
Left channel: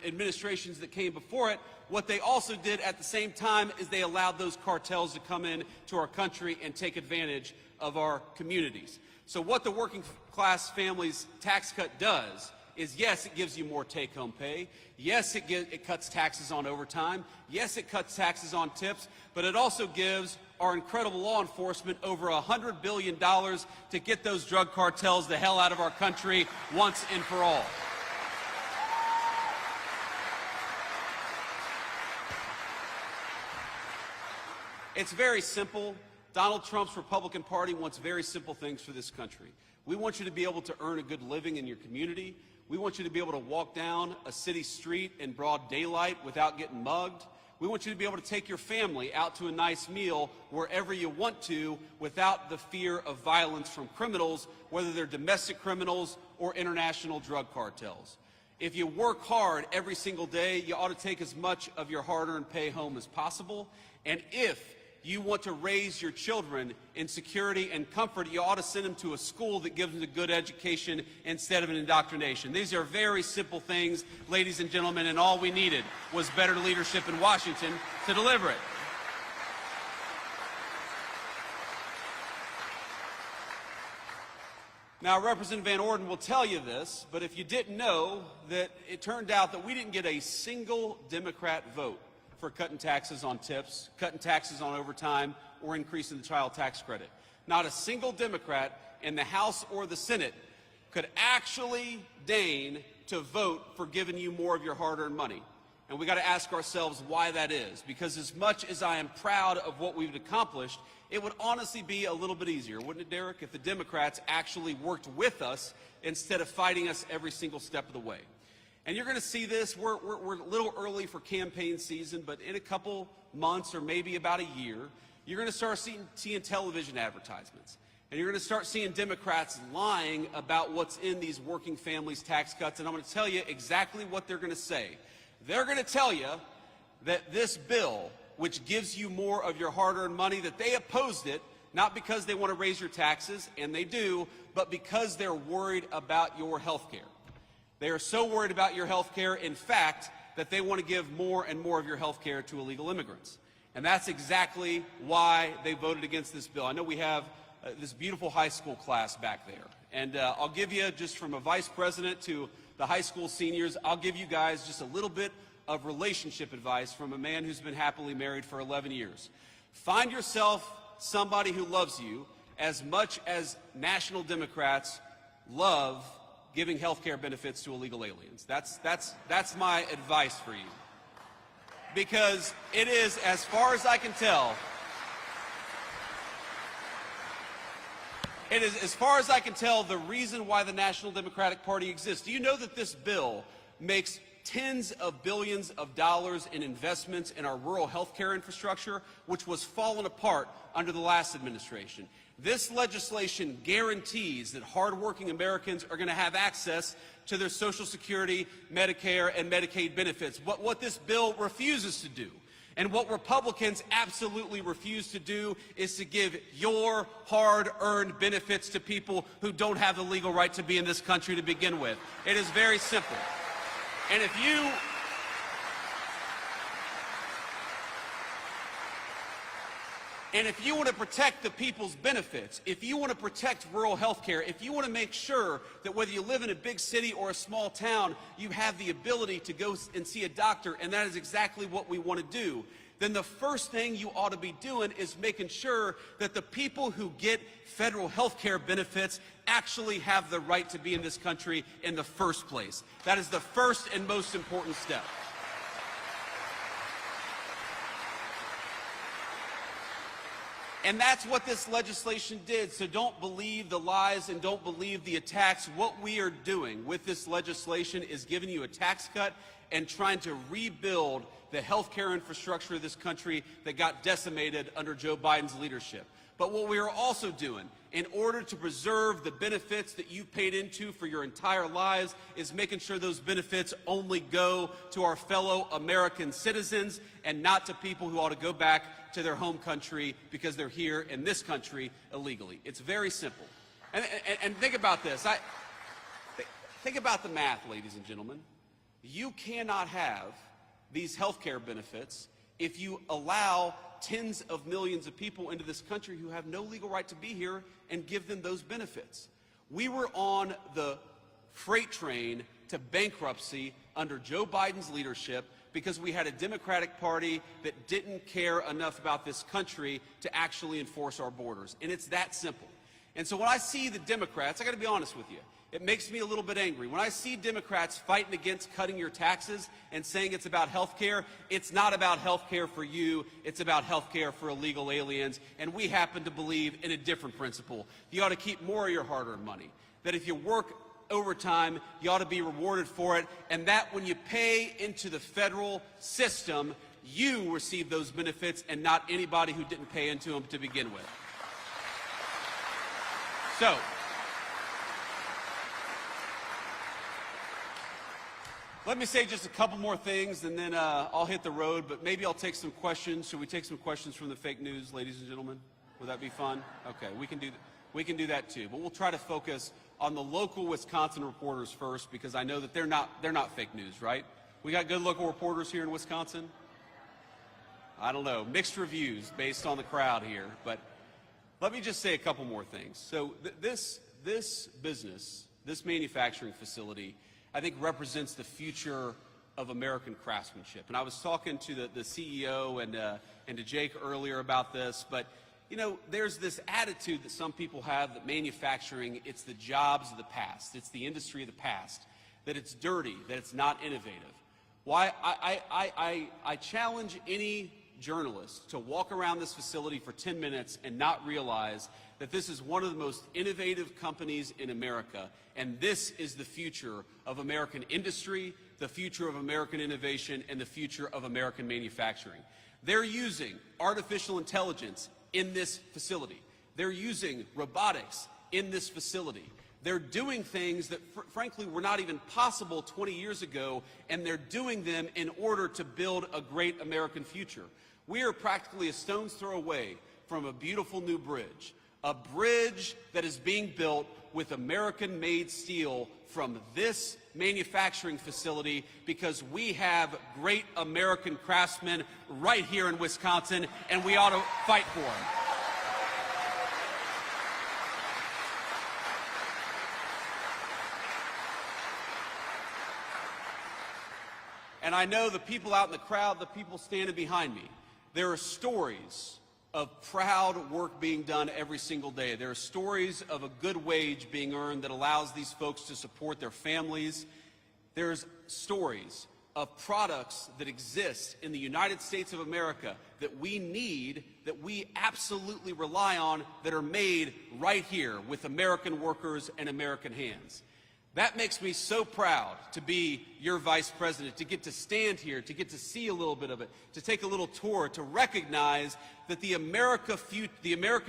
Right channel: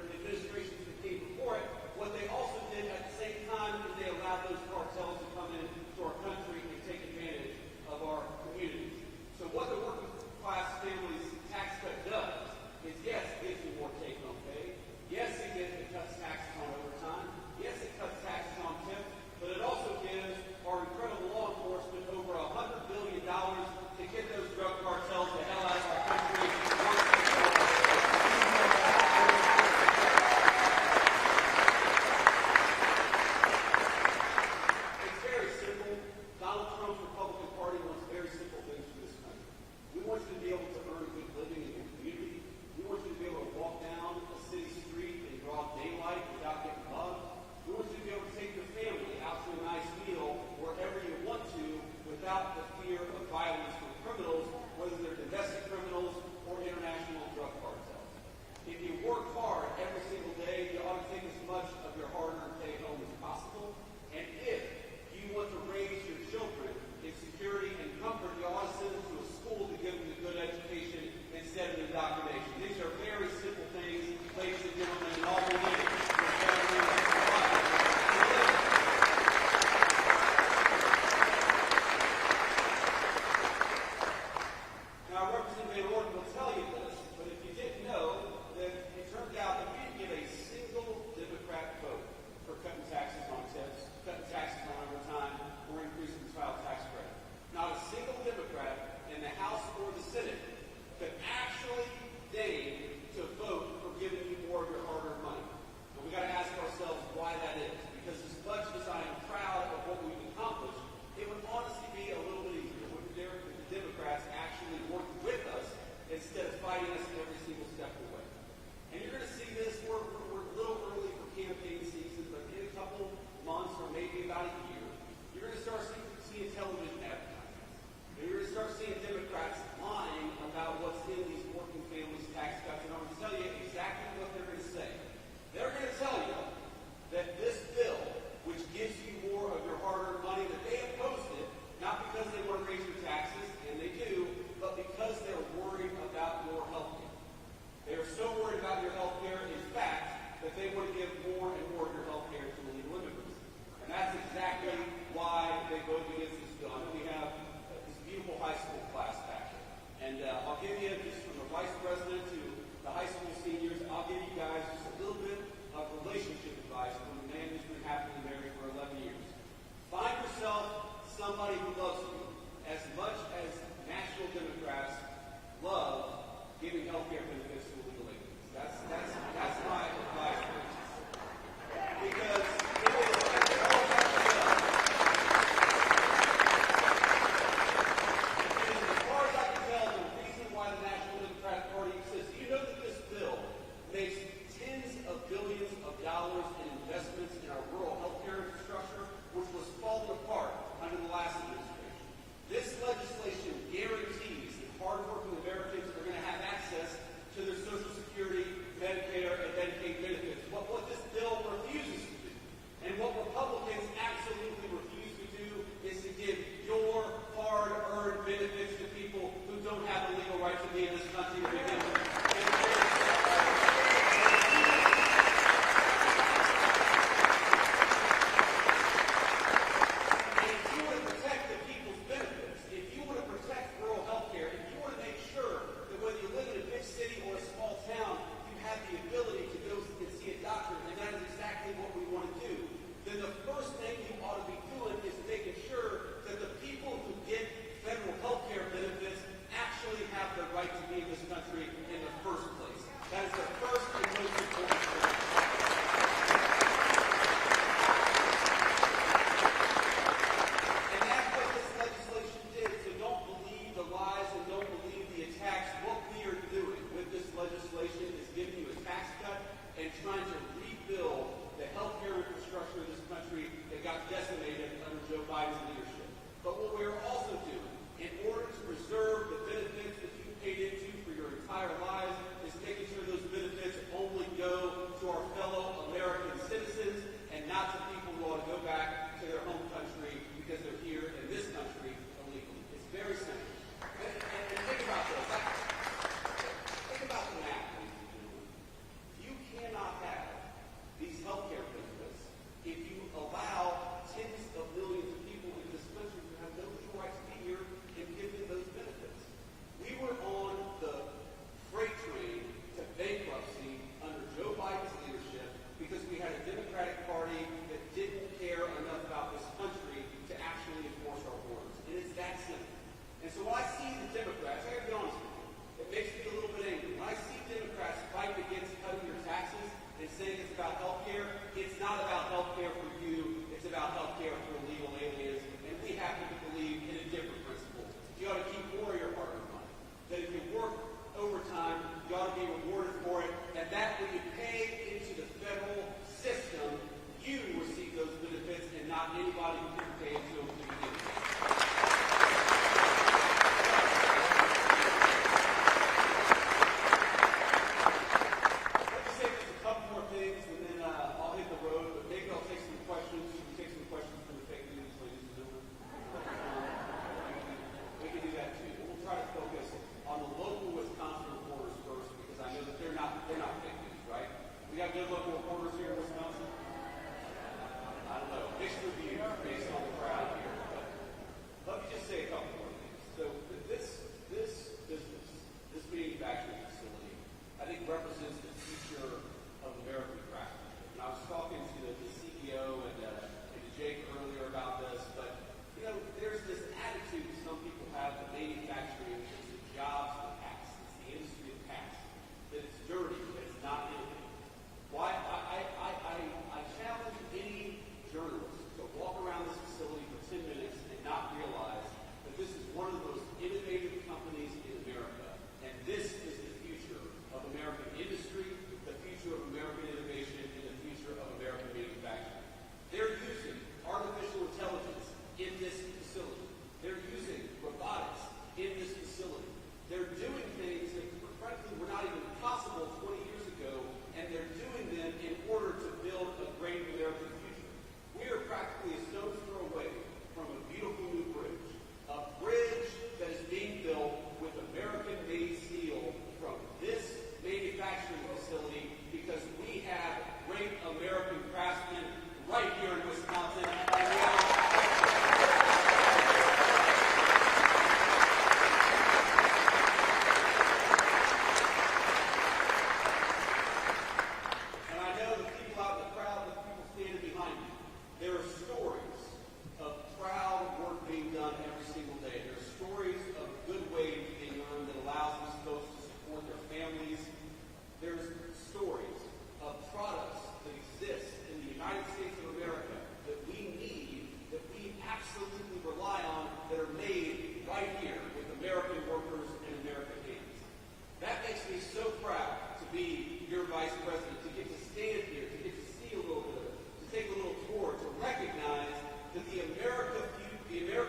administrations that came before it, what they also did at the same time is they allowed those cartels to come in to our country and take advantage of our communities. So what the Working Class Families Tax Cut does is, yes, it gives you more take-home pay. Yes, it cuts taxes on overtime. Yes, it cuts taxes on tips, but it also gives our incredible law enforcement over $100 billion to get those drug cartels the hell out of our country once and for all. It's very simple. Donald Trump's Republican Party wants very simple things for this country. We want you to be able to earn a good living in your community. We want you to be able to walk down a city street in broad daylight without getting mugged. We want you to be able to take your family out to a nice meal wherever you want to without the fear of violence from criminals, whether they're domestic criminals or international drug cartels. If you work hard every single day, you ought to take as much of your hard-earned pay home as possible. And if you want to raise your children in security and comfort, you ought to send them to a school that gives them a good education instead of an indoctrination. These are very simple things, ladies and gentlemen, and all we needed was better leadership in Washington to deliver it. Now, Representative Van Orden will tell you this, but if you didn't know, that it turned out that we didn't get a single Democrat vote for cutting taxes on tips, cutting taxes on overtime, or increasing the child tax credit. Not a single Democrat in the House or the Senate could actually deign to vote for giving you more of your hard-earned money. And we got to ask ourselves why that is, because as much as I am proud of what we've accomplished It would honestly be a little bit easier, wouldn't it, Derek, if the Democrats actually worked with us instead of fighting us every single step of the way. And you're going to see this. We're a little early for campaign season, but in a couple months or maybe about a year, you're going to start seeing television advertisements. And you're going to start seeing Democrats lying about what's in these working families tax cuts. And I'm going to tell you exactly what they're going to say. They're going to tell you that this bill, which gives you more of your hard-earned money, that they opposed it, not because they want to raise your taxes, and they do, but because they're worried about your health care. They are so worried about your health care, in fact, that they want to give more and more of your health care to illegal immigrants. And that's exactly why they voted against this bill. I know we have this beautiful high school class back there. And I'll give you, just from a vice president to the high school seniors, I'll give you guys just a little bit of relationship advice from a man who's been happily married for 11 years. Find yourself somebody who loves you as much as national Democrats love giving health care benefits to illegal aliens. That's my advice for you. Because it is, as far as I can tell, the reason why the National Democratic Party exists. Do you know that this bill makes tens of billions of dollars in investments in our rural health care infrastructure, which was falling apart under the last administration? This legislation guarantees that hardworking Americans are going to have access to their Social Security, Medicare, and Medicaid benefits. But what this bill refuses to do, and what Republicans absolutely refuse to do, is to give your hard-earned benefits to people who don't have the legal right to be in this country to begin with. It is very simple. And if you want to protect the people's benefits, if you want to protect rural health care, if you want to make sure that whether you live in a big city or a small town, you have the ability to go and see a doctor, and that is exactly what we want to do, then the first thing you ought to be doing is making sure that the people who get federal health care benefits actually have the right to be in this country in the first place. That is the first and most important step. And that's what this legislation did. So don't believe the lies and don't believe the attacks. What we are doing with this legislation is giving you a tax cut and trying to rebuild the healthcare infrastructure of this country that got decimated under Joe Biden's leadership. But what we are also doing, in order to preserve the benefits that you paid into for your entire lives, is making sure those benefits only go to our fellow American citizens and not to people who ought to go back to their home country because they're here in this country illegally. It's very simple. And think about this. Think about the math, ladies and gentlemen. You cannot have these health care benefits if you allow tens of millions of people into this country who have no legal right to be here and give them those benefits. We were on the freight train to bankruptcy under Joe Biden's leadership because we had a Democratic Party that didn't care enough about this country to actually enforce our borders. And it's that simple. And so when I see the Democrats, I got to be honest with you, it makes me a little bit angry. When I see Democrats fighting against cutting your taxes and saying it's about health care, it's not about health care for you, it's about health care for illegal aliens, and we happen to believe in a different principle. You ought to keep more of your hard-earned money. That if you work overtime, you ought to be rewarded for it, and that when you pay into the federal system, you receive those benefits and not anybody who didn't pay into them to begin with. So, let me say just a couple more things, and then I'll hit the road, but maybe I'll take some questions. Should we take some questions from the fake news, ladies and gentlemen? Would that be fun? Okay, we can do that too. But we'll try to focus on the local Wisconsin reporters first, because I know that they're not fake news, right? We got good local reporters here in Wisconsin? I don't know, mixed reviews based on the crowd here, but let me just say a couple more things. So this business, this manufacturing facility, I think represents the future of American craftsmanship. And I was talking to the CEO and to Jake earlier about this, but you know, there's this attitude that some people have that manufacturing, it's the jobs of the past, it's the industry of the past, that it's dirty, that it's not innovative. Why? I challenge any journalist to walk around this facility for 10 minutes and not realize that this is one of the most innovative companies in America, and this is the future of American industry, the future of American innovation, and the future of American manufacturing. They're using artificial intelligence in this facility. They're using robotics in this facility. They're doing things that, frankly, were not even possible 20 years ago, and they're doing them in order to build a great American future. We are practically a stone's throw away from a beautiful new bridge, a bridge that is being built with American-made steel from this manufacturing facility because we have great American craftsmen right here in Wisconsin, and we ought to fight for it. And I know the people out in the crowd, the people standing behind me, there are stories of proud work being done every single day. There are stories of a good wage being earned that allows these folks to support their families. There's stories of products that exist in the United States of America that we need, that we absolutely rely on, that are made right here with American workers and American hands. That makes me so proud to be your vice president, to get to stand here, to get to see a little bit of it, to take a little tour, to recognize that the American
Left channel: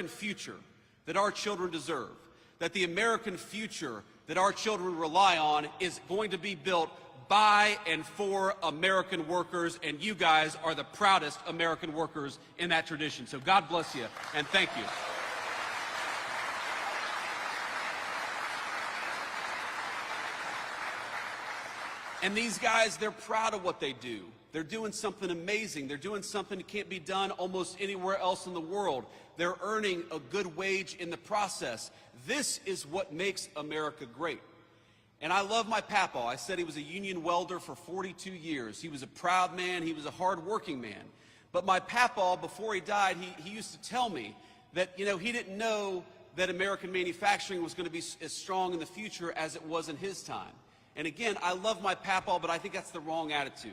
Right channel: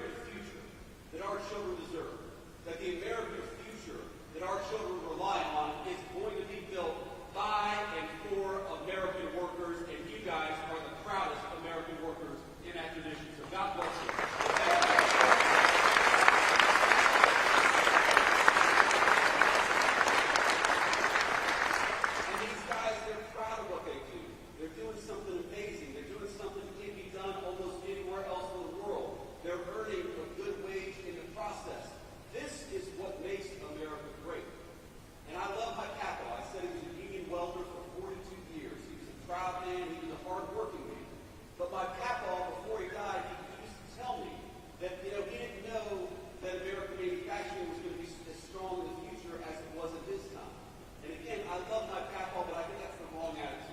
future that our children deserve, that the American future that our children rely on is going to be built by and for American workers, and you guys are the proudest American workers in that tradition. So God bless you, and thank you. And these guys, they're proud of what they do. They're doing something amazing. They're doing something that can't be done almost anywhere else in the world. They're earning a good wage in the process. This is what makes America great. And I love my papaw. I said he was a union welder for 42 years. He was a proud man. He was a hard-working man. But my papaw, before he died, he used to tell me that, he didn't know that American manufacturing was going to be as strong in the future as it was in his time. And again, I love my papaw, but I think that's the wrong attitude.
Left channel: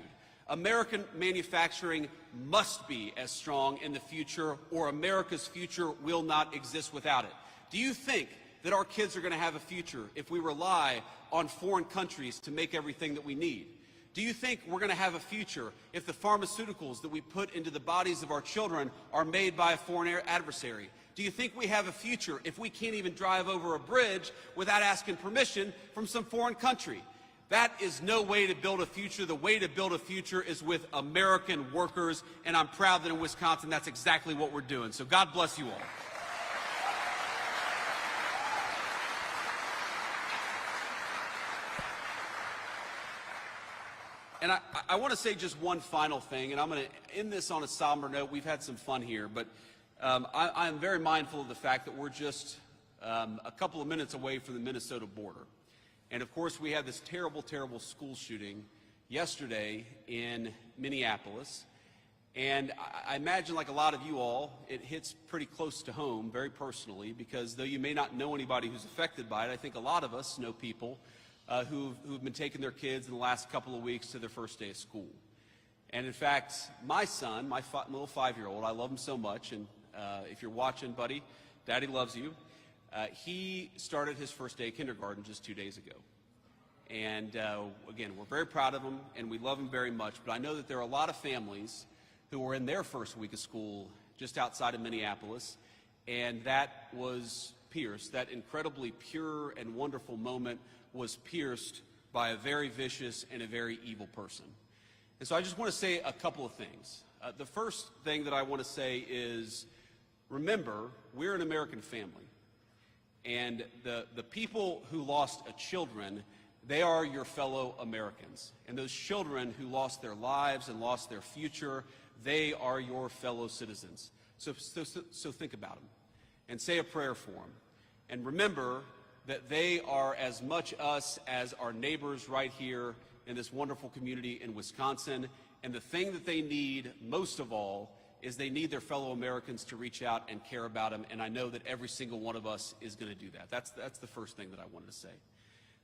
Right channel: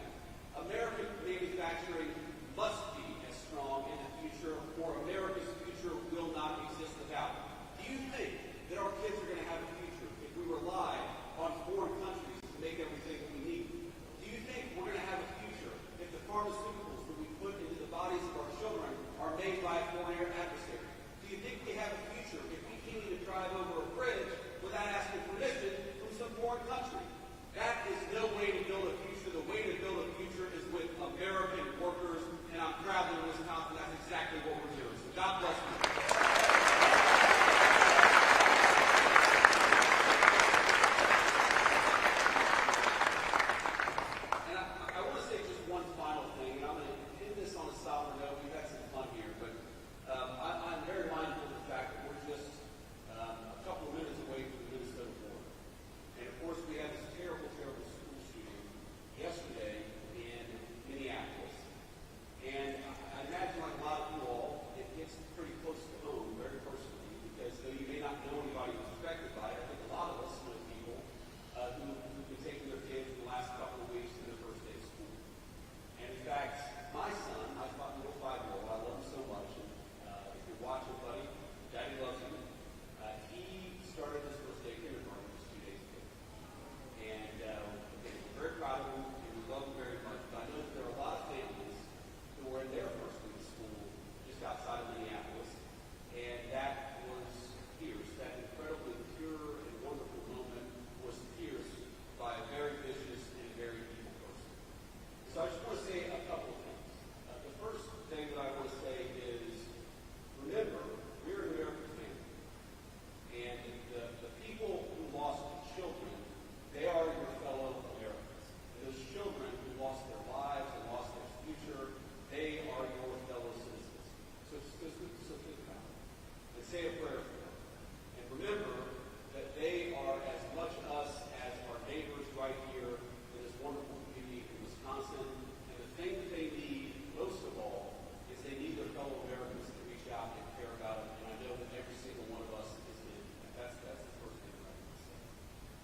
American manufacturing must be as strong in the future, or America's future will not exist without it. Do you think that our kids are going to have a future if we rely on foreign countries to make everything that we need? Do you think we're going to have a future if the pharmaceuticals that we put into the bodies of our children are made by a foreign adversary? Do you think we have a future if we can't even drive over a bridge without asking permission from some foreign country? That is no way to build a future. The way to build a future is with American workers, and I'm proud that in Wisconsin that's exactly what we're doing. So God bless you all. And I want to say just one final thing, and I'm going to end this on a somber note. We've had some fun here, but I'm very mindful of the fact that we're just a couple of minutes away from the Minnesota border. And of course, we had this terrible, terrible school shooting yesterday in Minneapolis. And I imagine, like a lot of you all, it hits pretty close to home, very personally, because though you may not know anybody who's affected by it, I think a lot of us know people who've been taking their kids in the last couple of weeks to their first day of school. And in fact, my son, my little 5-year-old, I love him so much, and if you're watching, buddy, Daddy loves you. He started his first day of kindergarten just 2 days ago. And again, we're very proud of him, and we love him very much, but I know that there are a lot of families who were in their first week of school just outside of Minneapolis, and that was pierced. That incredibly pure and wonderful moment was pierced by a very vicious and a very evil person. And so I just want to say a couple of things. The first thing that I want to say is, remember, we're an American family. And the people who lost children, they are your fellow Americans. And those children who lost their lives and lost their future, they are your fellow citizens. So think about it and say a prayer for them. And remember that they are as much us as our neighbors right here in this wonderful community in Wisconsin. And the thing that they need most of all is they need their fellow Americans to reach out and care about them, and I know that every single one of us is going to do that. That's the first thing that I wanted to say.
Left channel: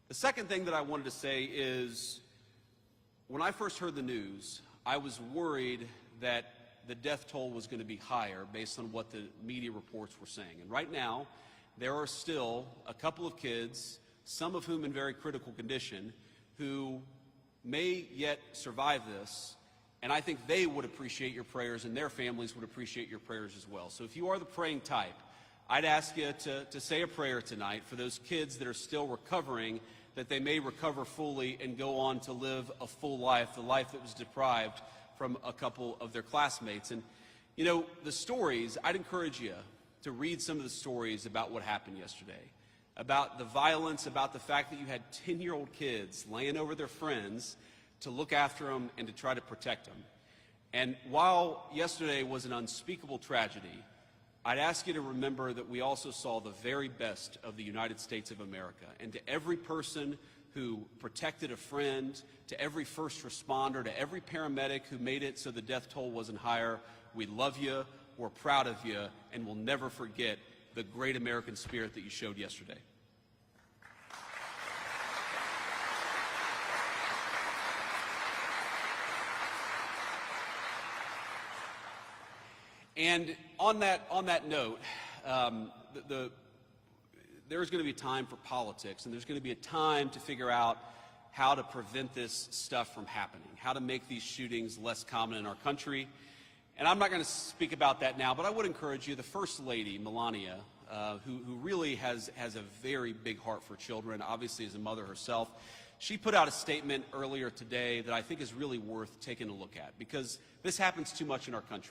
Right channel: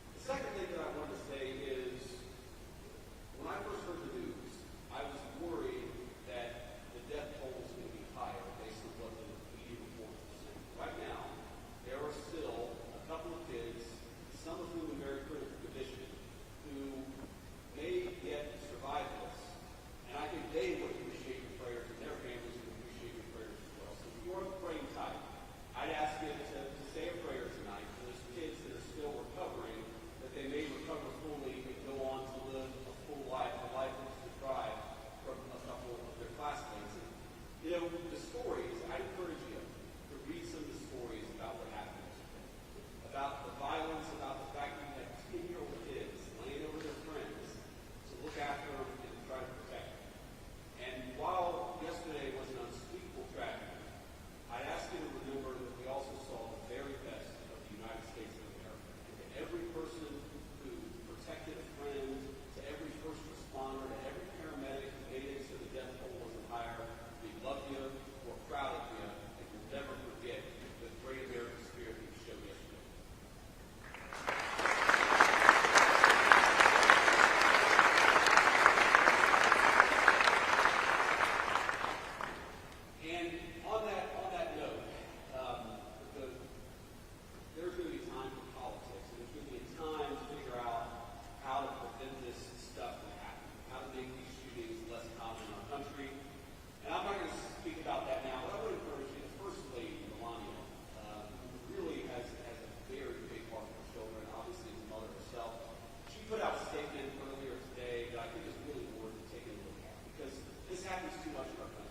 The second thing that I wanted to say is, when I first heard the news, I was worried that the death toll was going to be higher based on what the media reports were saying. And right now, there are still a couple of kids, some of whom in very critical condition, who may yet survive this, and I think they would appreciate your prayers and their families would appreciate your prayers as well. So if you are the praying type, I'd ask you to say a prayer tonight for those kids that are still recovering, that they may recover fully and go on to live a full life, the life that was deprived from a couple of their classmates. And, you know, the stories, I'd encourage you to read some of the stories about what happened yesterday, about the violence, about the fact that you had 10-year-old kids laying over their friends to look after them and to try to protect them. And while yesterday was an unspeakable tragedy, I'd ask you to remember that we also saw the very best of the United States of America. And to every person who protected a friend, to every first responder, to every paramedic who made it so the death toll wasn't higher, we love you, we're proud of you, and we'll never forget the great American spirit that you showed yesterday. And on that note, there's going to be time for politics, and there's going to be a time to figure out how to prevent this stuff from happening, how to make these shootings less common in our country. And I'm not going to speak about that now, but I would encourage you, the First Lady, Melania, who really has a very big heart for children, obviously as a mother herself, she put out a statement earlier today that I think is really worth taking a look at, because this happens too much in our country.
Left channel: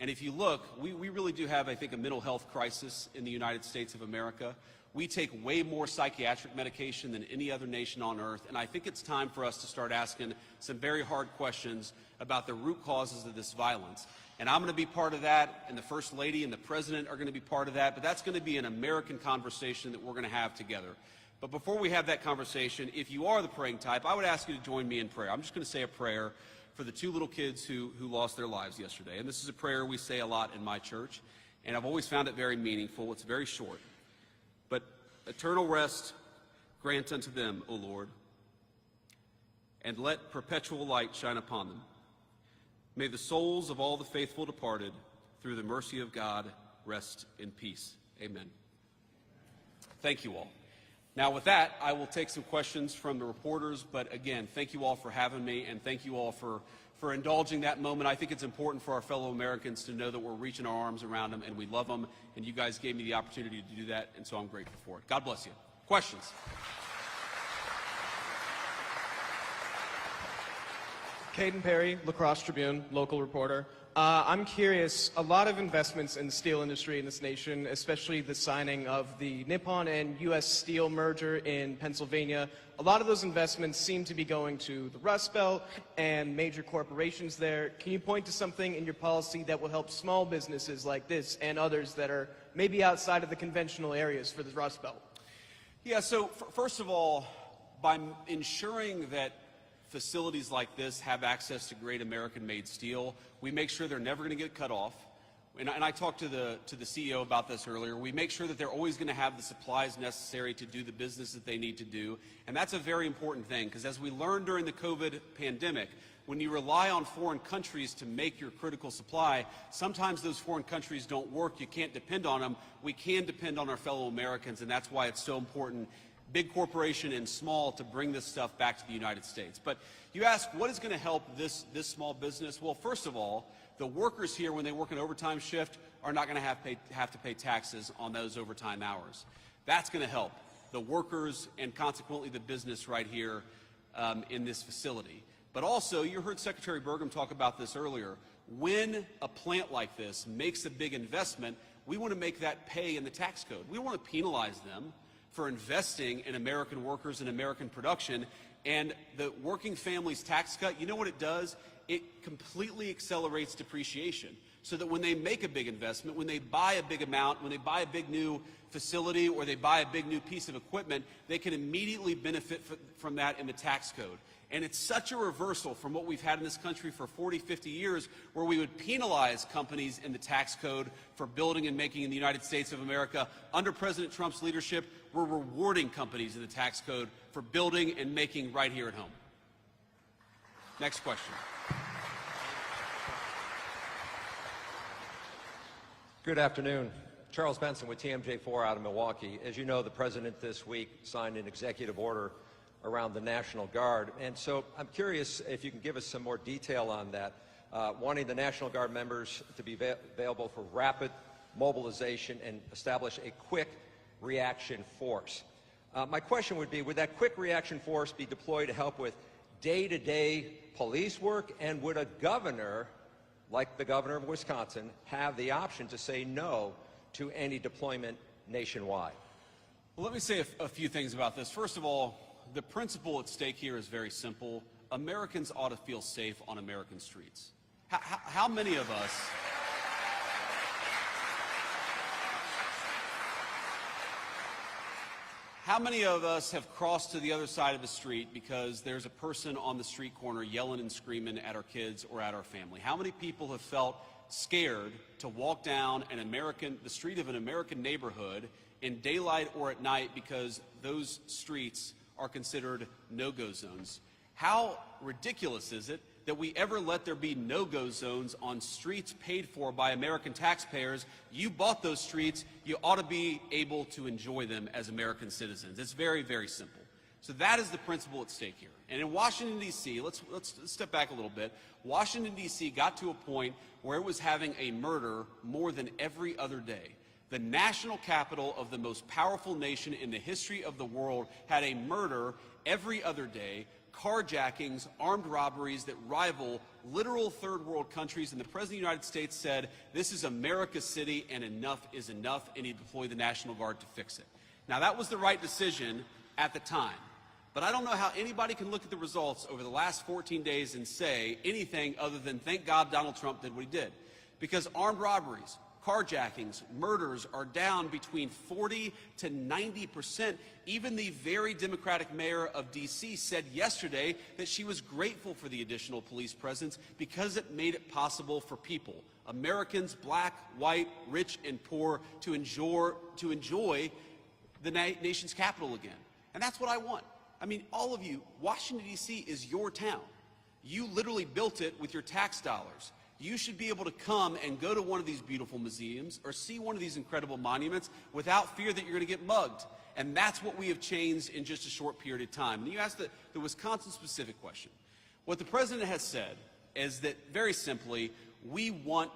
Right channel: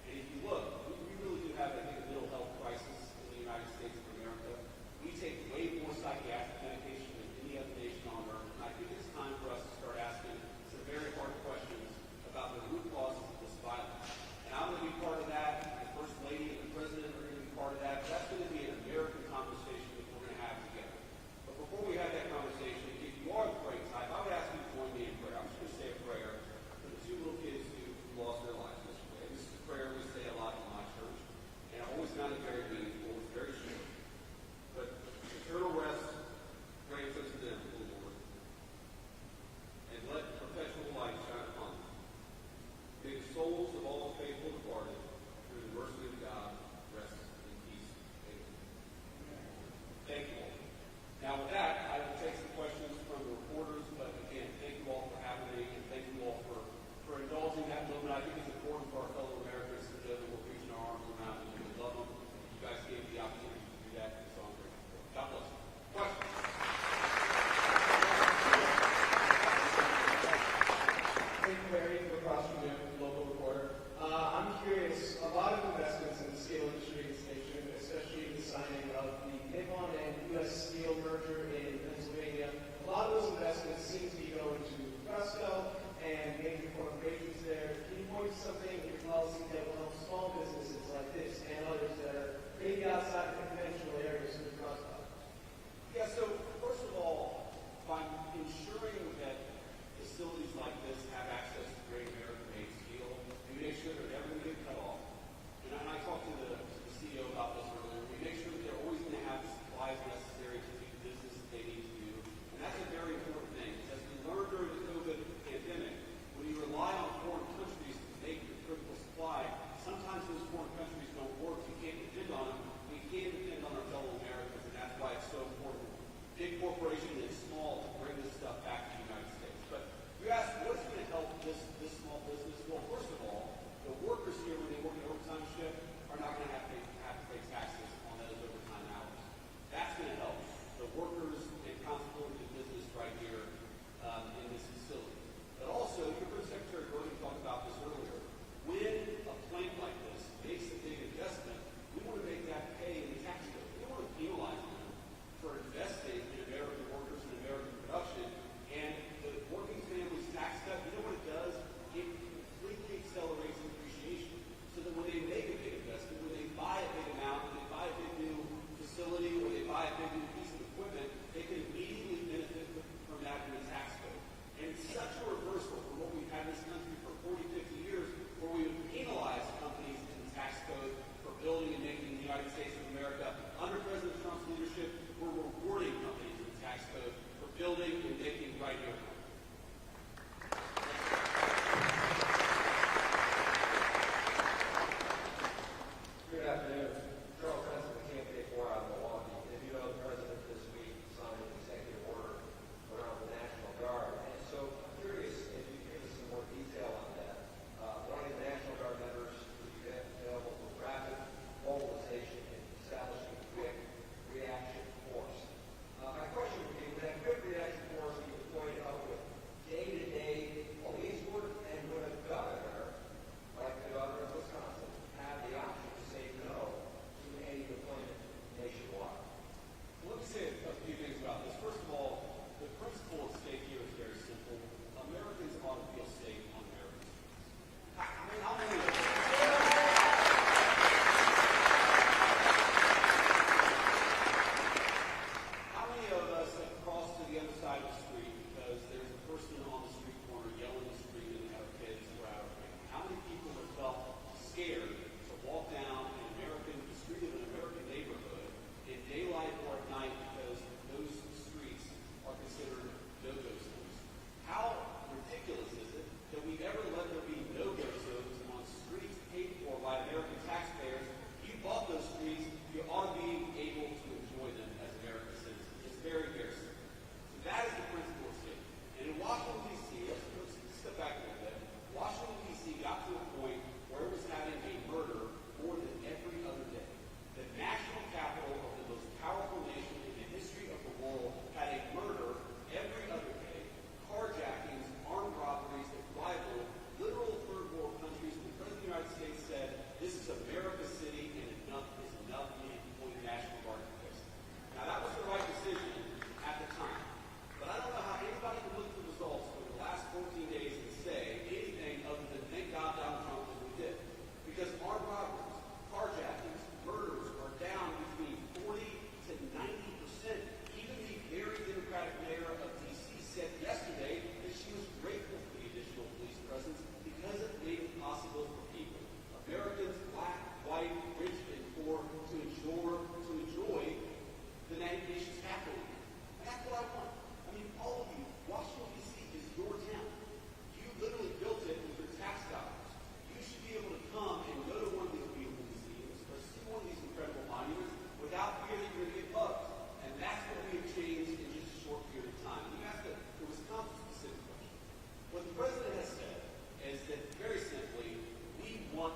And if you look, we really do have, I think, a mental health crisis in the United States of America. We take way more psychiatric medication than any other nation on earth, and I think it's time for us to start asking some very hard questions about the root causes of this violence. And I'm going to be part of that, and the First Lady and the President are going to be part of that, but that's going to be an American conversation that we're going to have together. But before we have that conversation, if you are the praying type, I would ask you to join me in prayer. I'm just going to say a prayer for the two little kids who lost their lives yesterday. And this is a prayer we say a lot in my church, and I've always found it very meaningful. It's very short. But eternal rest grant unto them, O Lord, and let perpetual light shine upon them. May the souls of all the faithful departed, through the mercy of God, rest in peace. Amen. Thank you all. Now with that, I will take some questions from the reporters, but again, thank you all for having me, and thank you all for indulging that moment. I think it's important for our fellow Americans to know that we're reaching our arms around them and we love them, and you guys gave me the opportunity to do that, and so I'm grateful for it. God bless you. Questions? Caden Perry, La Crosse Tribune, local reporter. I'm curious, a lot of investments in the steel industry in this nation, especially the signing of the Nippon and U.S. Steel merger in Pennsylvania, a lot of those investments seem to be going to the Rust Belt and major corporations there. Can you point to something in your policy that will help small businesses like this and others that are maybe outside of the conventional areas for the Rust Belt? Yeah, so first of all, by ensuring that facilities like this have access to great American-made steel, we make sure they're never going to get cut off. And I talked to the CEO about this earlier. We make sure that they're always going to have the supplies necessary to do the business that they need to do. And that's a very important thing, because as we learned during the COVID pandemic, when you rely on foreign countries to make your critical supply, sometimes those foreign countries don't work. You can't depend on them. We can depend on our fellow Americans, and that's why it's so important, big corporation and small, to bring this stuff back to the United States. But you ask, what is going to help this small business? Well, first of all, the workers here, when they work an overtime shift, are not going to have to pay taxes on those overtime hours. That's going to help the workers and consequently the business right here in this facility. But also, you heard Secretary Bergam talk about this earlier. When a plant like this makes a big investment, we want to make that pay in the tax code. We want to penalize them for investing in American workers and American production. And the working families tax cut, you know what it does? It completely accelerates depreciation, so that when they make a big investment, when they buy a big amount, when they buy a big new facility, or they buy a big new piece of equipment, they can immediately benefit from that in the tax code. And it's such a reversal from what we've had in this country for 40, 50 years, where we would penalize companies in the tax code for building and making in the United States of America. Under President Trump's leadership, we're rewarding companies in the tax code for building and making right here at home. Next question. Good afternoon. Charles Benson with TMJ4 out of Milwaukee. As you know, the President this week signed an executive order around the National Guard. And so I'm curious if you can give us some more detail on that, wanting the National Guard members to be available for rapid mobilization and establish a quick reaction force. My question would be, would that quick reaction force be deployed to help with day-to-day police work, and would a governor, like the governor of Wisconsin, have the option to say no to any deployment nationwide? Well, let me say a few things about this. First of all, the principle at stake here is very simple. Americans ought to feel safe on American streets. How many of us... How many of us have crossed to the other side of the street because there's a person on the street corner yelling and screaming at our kids or at our family? How many people have felt scared to walk down the street of an American neighborhood in daylight or at night because those streets are considered no-go zones? How ridiculous is it that we ever let there be no-go zones on streets paid for by American taxpayers? You bought those streets, you ought to be able to enjoy them as American citizens. It's very, very simple. So that is the principle at stake here. And in Washington, D.C., let's step back a little bit. Washington, D.C. got to a point where it was having a murder more than every other day. The national capital of the most powerful nation in the history of the world had a murder every other day, carjackings, armed robberies that rival literal third world countries, and the President of the United States said, this is America's city and enough is enough, and he deployed the National Guard to fix it. Now that was the right decision at the time, but I don't know how anybody can look at the results over the last 14 days and say anything other than thank God Donald Trump did what he did. Because armed robberies, carjackings, murders are down between 40 to 90%. Even the very Democratic mayor of D.C. said yesterday that she was grateful for the additional police presence because it made it possible for people, Americans, black, white, rich, and poor, to enjoy the nation's capital again. And that's what I want. I mean, all of you, Washington, D.C. is your town. You literally built it with your tax dollars. You should be able to come and go to one of these beautiful museums or see one of these incredible monuments without fear that you're going to get mugged. And that's what we have changed in just a short period of time. And you asked the Wisconsin-specific question. What the president has said is that, very simply, we want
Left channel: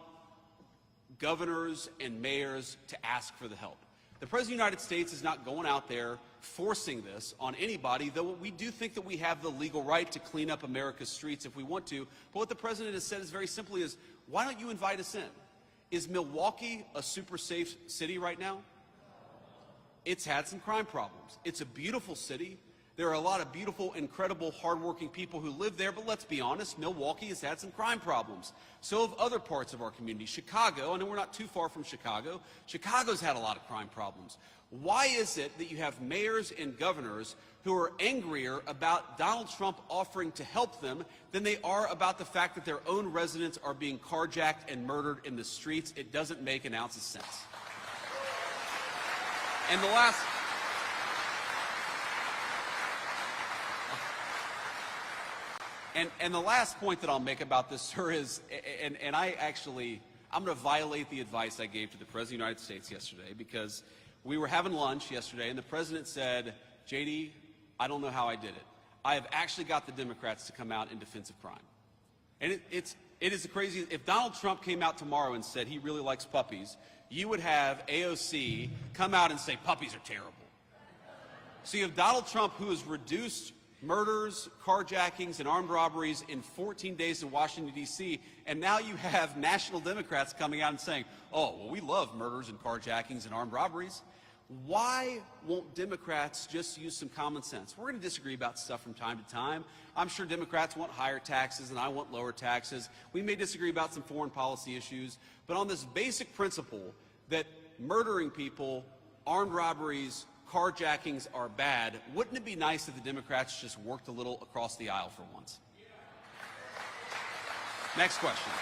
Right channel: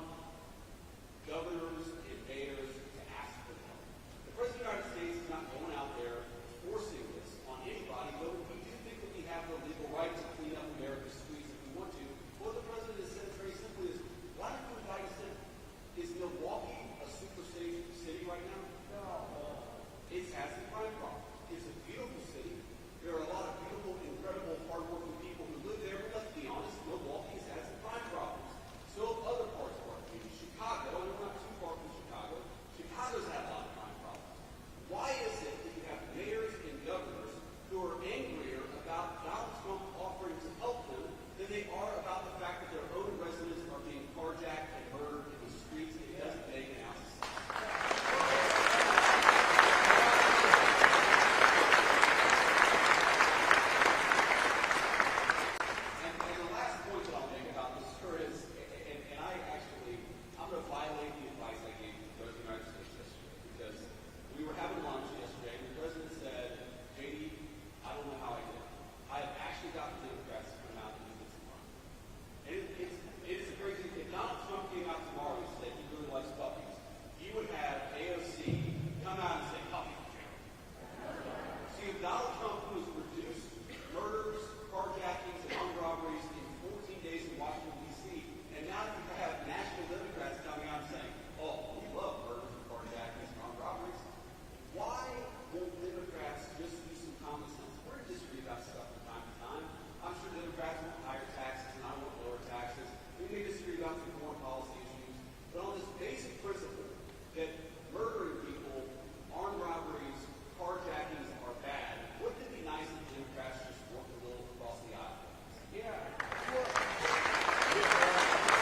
governors and mayors to ask for the help. The President of the United States is not going out there forcing this on anybody, though we do think that we have the legal right to clean up America's streets if we want to. But what the president has said is very simply is, why don't you invite us in? Is Milwaukee a super safe city right now? It's had some crime problems. It's a beautiful city. There are a lot of beautiful, incredible, hardworking people who live there, but let's be honest, Milwaukee has had some crime problems. So have other parts of our community. Chicago, I know we're not too far from Chicago. Chicago's had a lot of crime problems. Why is it that you have mayors and governors who are angrier about Donald Trump offering to help them than they are about the fact that their own residents are being carjacked and murdered in the streets? It doesn't make an ounce of sense. And the last point that I'll make about this, sir, is, I'm going to violate the advice I gave to the President of the United States yesterday, because we were having lunch yesterday, and the President said, JD, I don't know how I did it. I have actually got the Democrats to come out in defense of crime. And it is crazy. If Donald Trump came out tomorrow and said he really likes puppies, you would have AOC come out and say puppies are terrible. So you have Donald Trump, who has reduced murders, carjackings, and armed robberies in 14 days in Washington, D.C., and now you have national Democrats coming out and saying, oh, well, we love murders and carjackings and armed robberies. Why won't Democrats just use some common sense? We're going to disagree about stuff from time to time. I'm sure Democrats want higher taxes and I want lower taxes. We may disagree about some foreign policy issues, but on this basic principle that murdering people, armed robberies, carjackings are bad, wouldn't it be nice if the Democrats just worked a little across the aisle for once? Yeah. Next question.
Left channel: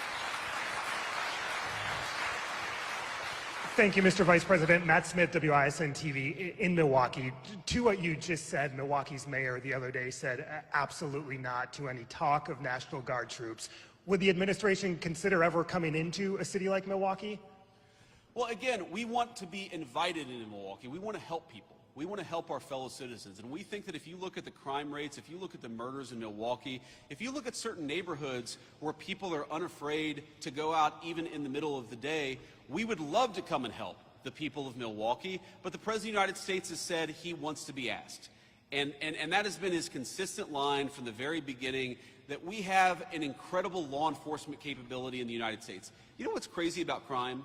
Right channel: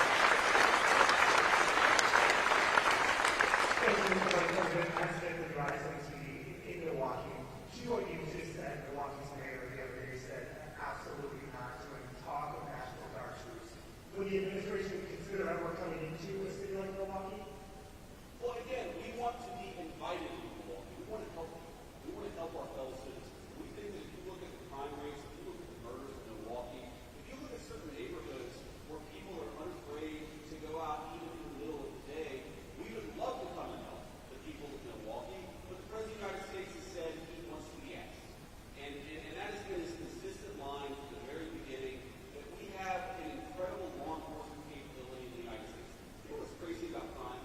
Thank you, Mr. Vice President. Matt Smith, WISN TV in Milwaukee. To what you just said, Milwaukee's mayor the other day said absolutely not to any talk of National Guard troops. Would the administration consider ever coming into a city like Milwaukee? Well, again, we want to be invited into Milwaukee. We want to help people. We want to help our fellow citizens. And we think that if you look at the crime rates, if you look at the murders in Milwaukee, if you look at certain neighborhoods where people are unafraid to go out even in the middle of the day, we would love to come and help the people of Milwaukee. But the President of the United States has said he wants to be asked. And that has been his consistent line from the very beginning, that we have an incredible law enforcement capability in the United States. You know what's crazy about crime?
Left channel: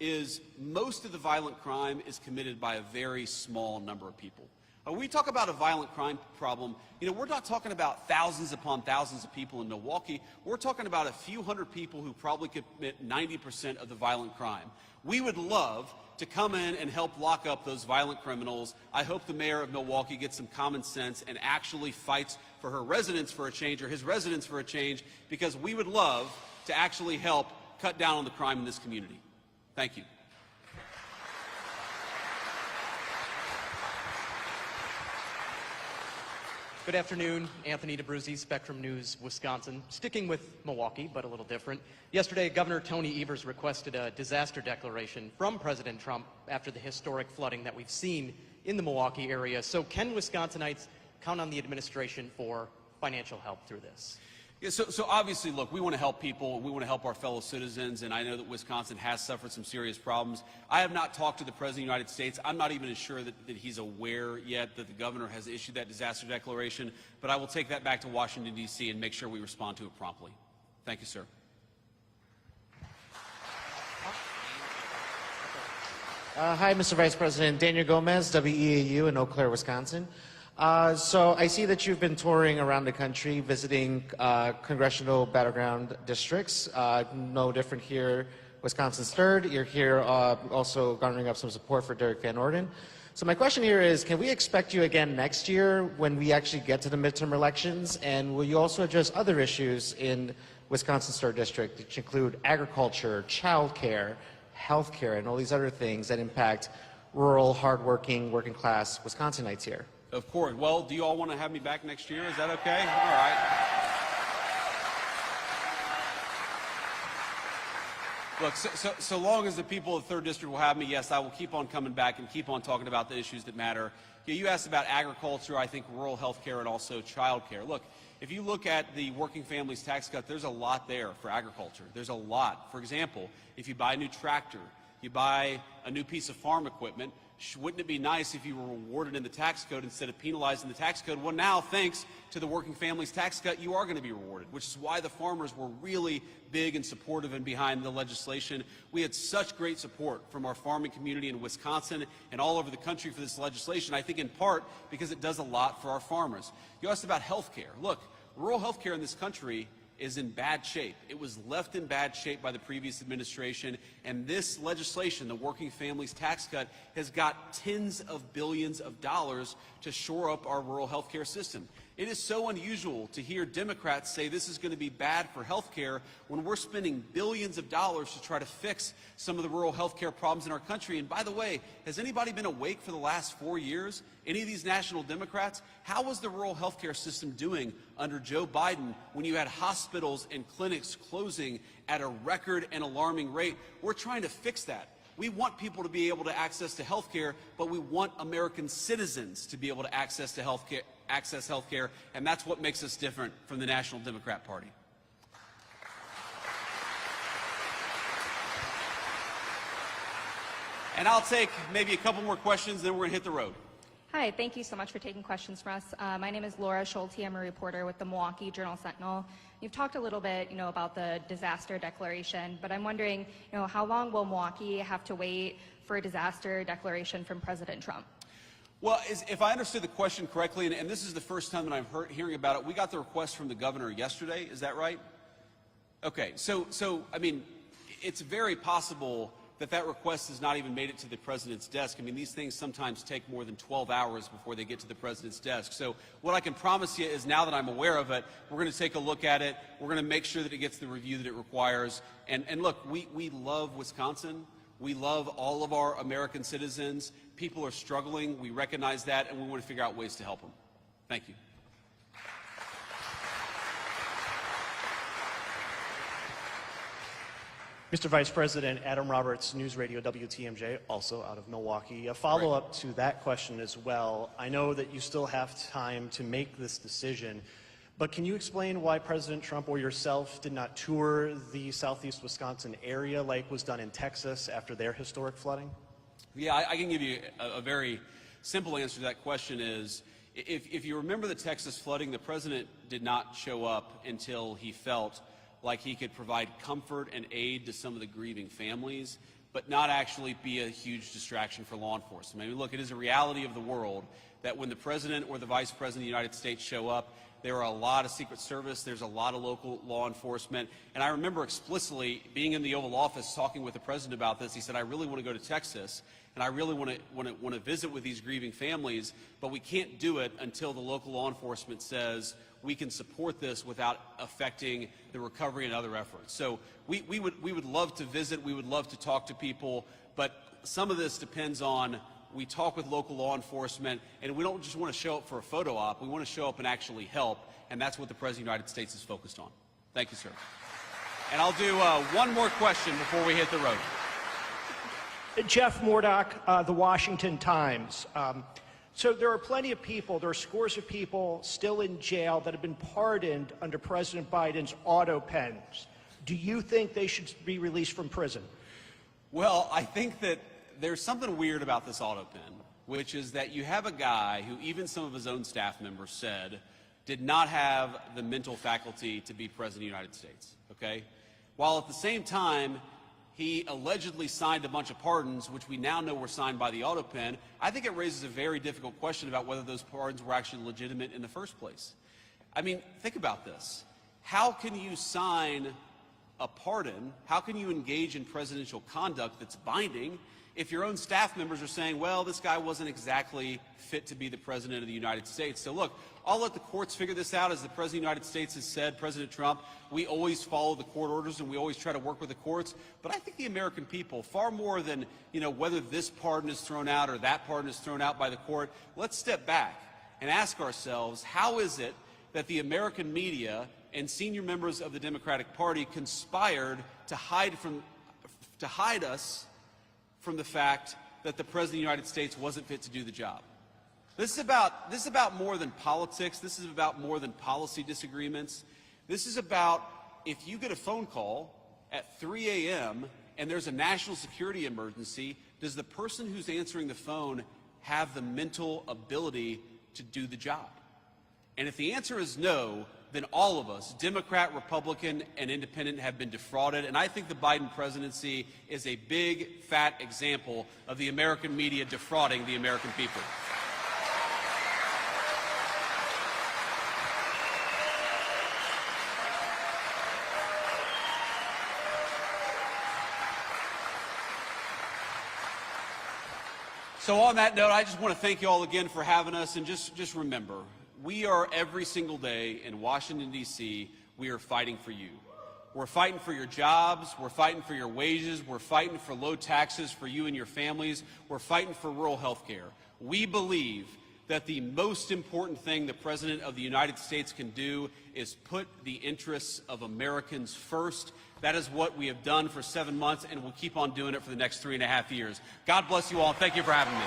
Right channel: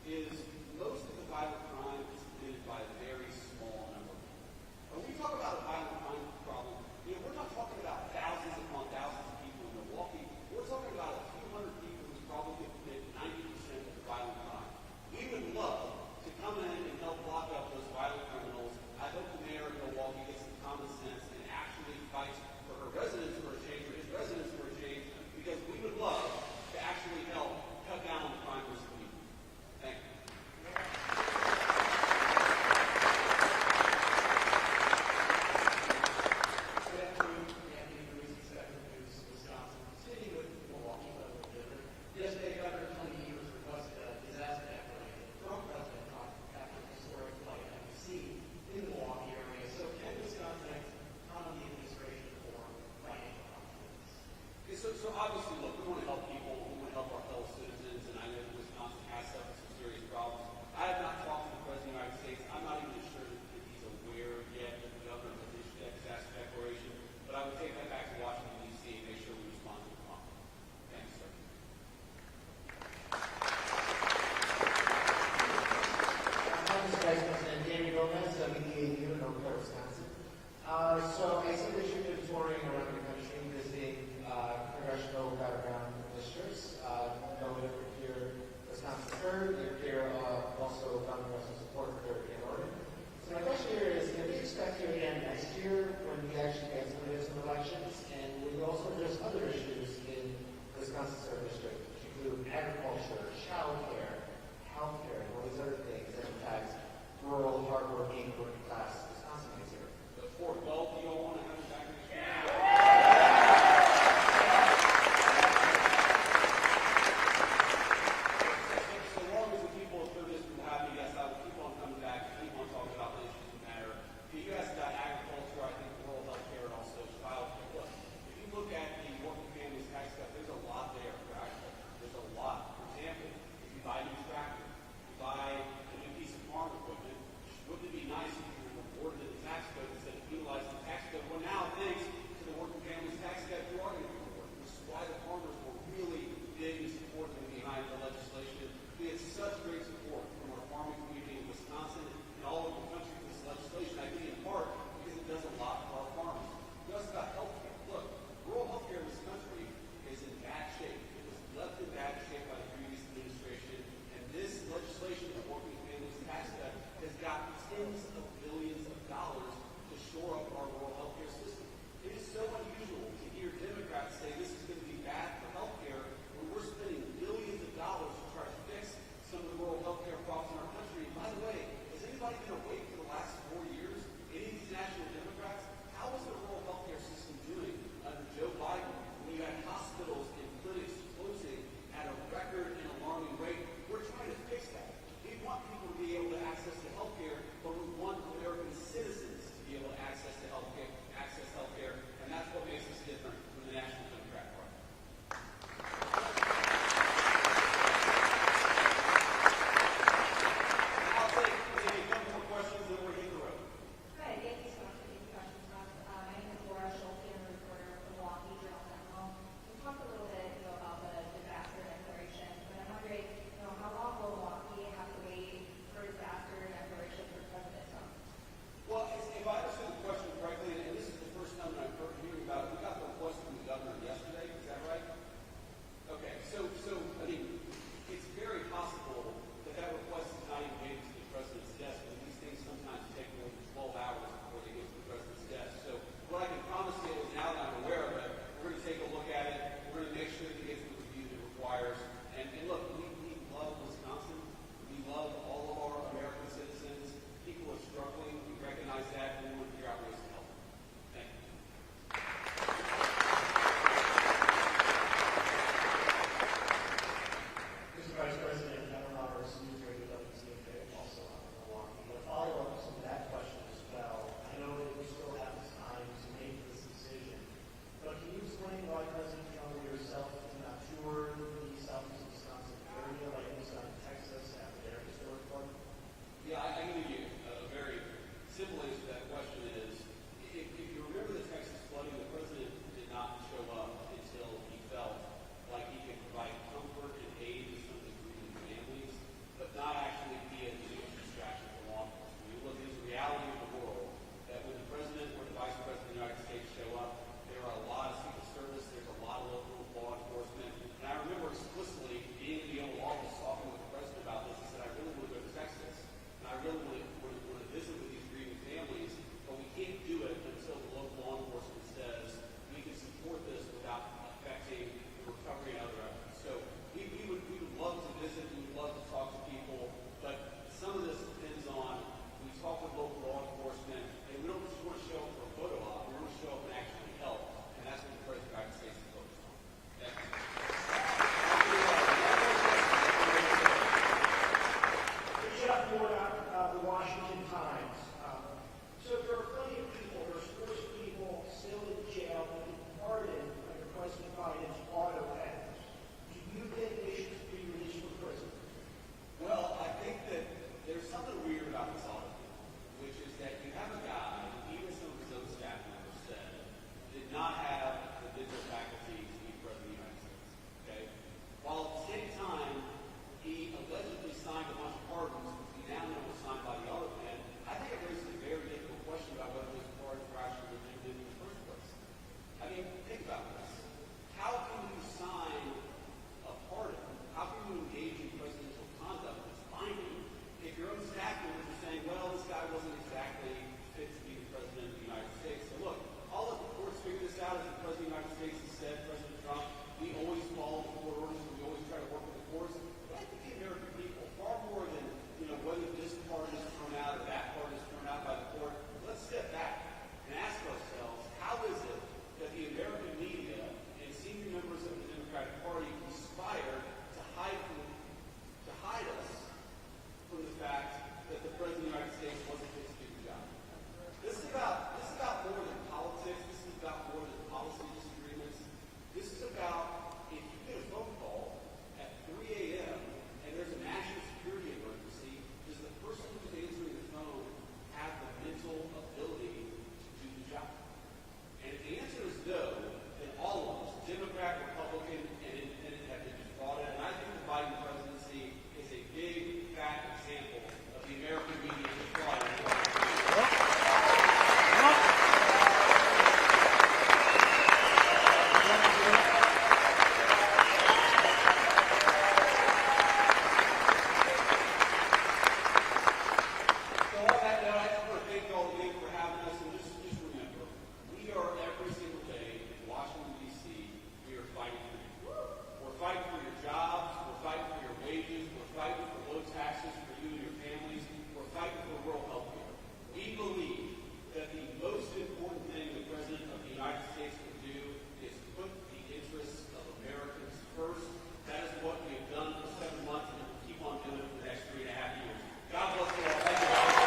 Is most of the violent crime is committed by a very small number of people. When we talk about a violent crime problem, you know, we're not talking about thousands upon thousands of people in Milwaukee. We're talking about a few hundred people who probably commit 90% of the violent crime. We would love to come in and help lock up those violent criminals. I hope the mayor of Milwaukee gets some common sense and actually fights for her residents for a change, or his residents for a change, because we would love to actually help cut down on the crime in this community. Thank you. Good afternoon, Anthony DeBruzzi, Spectrum News, Wisconsin. Sticking with Milwaukee, but a little different. Yesterday, Governor Tony Evers requested a disaster declaration from President Trump after the historic flooding that we've seen in the Milwaukee area. So can Wisconsinites count on the administration for financial help through this? Yeah, so obviously, look, we want to help people. We want to help our fellow citizens, and I know that Wisconsin has suffered some serious problems. I have not talked to the President of the United States. I'm not even sure that he's aware yet that the governor has issued that disaster declaration, but I will take that back to Washington, D.C. and make sure we respond to it promptly. Thank you, sir. Hi, Mr. Vice President. Daniel Gomez, WEAU in Eau Claire, Wisconsin. So I see that you've been touring around the country, visiting congressional battleground districts. No different here, Wisconsin's third. You're here also garnering up some support for Derek Van Orden. So my question here is, can we expect you again next year when we actually get to the midterm elections? And will you also address other issues in Wisconsin's third district, which include agriculture, childcare, healthcare, and all these other things that impact rural, hardworking, working class Wisconsinites here? Of course. Well, do you all want to have me back next year? Is that okay? All right. Look, so long as the people of the 3rd District will have me, yes, I will keep on coming back and keep on talking about the issues that matter. You asked about agriculture, I think rural health care, and also child care. Look, if you look at the working families tax cut, there's a lot there for agriculture. There's a lot. For example, if you buy a new tractor, you buy a new piece of farm equipment, wouldn't it be nice if you were rewarded in the tax code instead of penalized in the tax code? Well, now, thanks to the working families tax cut, you are going to be rewarded, which is why the farmers were really big and supportive and behind the legislation. We had such great support from our farming community in Wisconsin and all over the country for this legislation, I think in part because it does a lot for our farmers. You asked about health care. Look, rural health care in this country is in bad shape. It was left in bad shape by the previous administration, and this legislation, the Working Families Tax Cut, has got tens of billions of dollars to shore up our rural health care system. It is so unusual to hear Democrats say this is going to be bad for health care when we're spending billions of dollars to try to fix some of the rural health care problems in our country. And by the way, has anybody been awake for the last 4 years? Any of these national Democrats? How was the rural health care system doing under Joe Biden when you had hospitals and clinics closing at a record and alarming rate? We're trying to fix that. We want people to be able to access to health care, but we want American citizens to be able to access health care, and that's what makes us different from the National Democrat Party. And I'll take maybe a couple more questions, then we're going to hit the road. Hi, thank you so much for taking questions from us. My name is Laura Schulte. I'm a reporter with the Milwaukee Journal-Sentinel. You've talked a little bit, about the disaster declaration, but I'm wondering, how long will Milwaukee have to wait for a disaster declaration from President Trump? Well, if I understood the question correctly, and this is the first time that I'm hearing about it, we got the request from the governor yesterday. Is that right? Okay, so I mean, it's very possible that request has not even made it to the president's desk. I mean, these things sometimes take more than 12 hours before they get to the president's desk. So what I can promise you is now that I'm aware of it, we're going to take a look at it. We're going to make sure that it gets the review that it requires. And look, we love Wisconsin. We love all of our American citizens. People are struggling. We recognize that, and we want to figure out ways to help them. Thank you. Mr. Vice President, Adam Roberts, News Radio WTMJ, also out of Milwaukee. A follow-up to that question as well. I know that you still have time to make this decision, but can you explain why President Trump or yourself did not tour the southeast Wisconsin area like was done in Texas after their historic flooding? Yeah, I can give you a very simple answer to that question is, if you remember the Texas flooding, the president did not show up until he felt like he could provide comfort and aid to some of the grieving families, but not actually be a huge distraction for law enforcement. I mean, look, it is a reality of the world that when the president or the vice president of the United States show up, there are a lot of Secret Service, there's a lot of local law enforcement, and I remember explicitly being in the Oval Office talking with the president about this. He said, I really want to go to Texas, and I really want to visit with these grieving families, but we can't do it until the local law enforcement says we can support this without affecting the recovery and other efforts. So we would love to visit, we would love to talk to people, but some of this depends on, we talk with local law enforcement, and we don't just want to show up for a photo op, we want to show up and actually help, and that's what the President of the United States is focused on. Thank you, sir. And I'll do one more question before we hit the road. Jeff Murdoch, The Washington Times. So there are plenty of people, there are scores of people still in jail that have been pardoned under President Biden's auto pens. Do you think they should be released from prison? Well, I think that there's something weird about this auto pen, which is that you have a guy who even some of his own staff members said did not have the mental faculty to be President of the United States, okay? While at the same time, he allegedly signed a bunch of pardons, which we now know were signed by the auto pen. I think it raises a very difficult question about whether those pardons were actually legitimate in the first place. I mean, think about this. How can you sign a pardon? How can you engage in presidential conduct that's binding if your own staff members are saying, well, this guy wasn't exactly fit to be the President of the United States? So look, I'll let the courts figure this out. As the President of the United States has said, President Trump, we always follow the court orders and we always try to work with the courts. But I think the American people, far more than whether this pardon is thrown out or that pardon is thrown out by the court, let's step back and ask ourselves, how is it that the American media and senior members of the Democratic Party conspired to hide us from the fact that the President of the United States wasn't fit to do the job? This is about more than politics. This is about more than policy disagreements. This is about, if you get a phone call at 3 a.m. and there's a national security emergency, does the person who's answering the phone have the mental ability to do the job? And if the answer is no, then all of us, Democrat, Republican, and Independent, have been defrauded. And I think the Biden presidency is a big, fat example of the American media defrauding the American people. So on that note, I just want to thank you all again for having us, and just remember, we are every single day in Washington, D.C., we are fighting for you. We're fighting for your jobs, we're fighting for your wages, we're fighting for low taxes for you and your families, we're fighting for rural health care. We believe that the most important thing the President of the United States can do is put the interests of Americans first. That is what we have done for 7 months, and we'll keep on doing it for the next 3.5 years. God bless you all. Thank you for having me.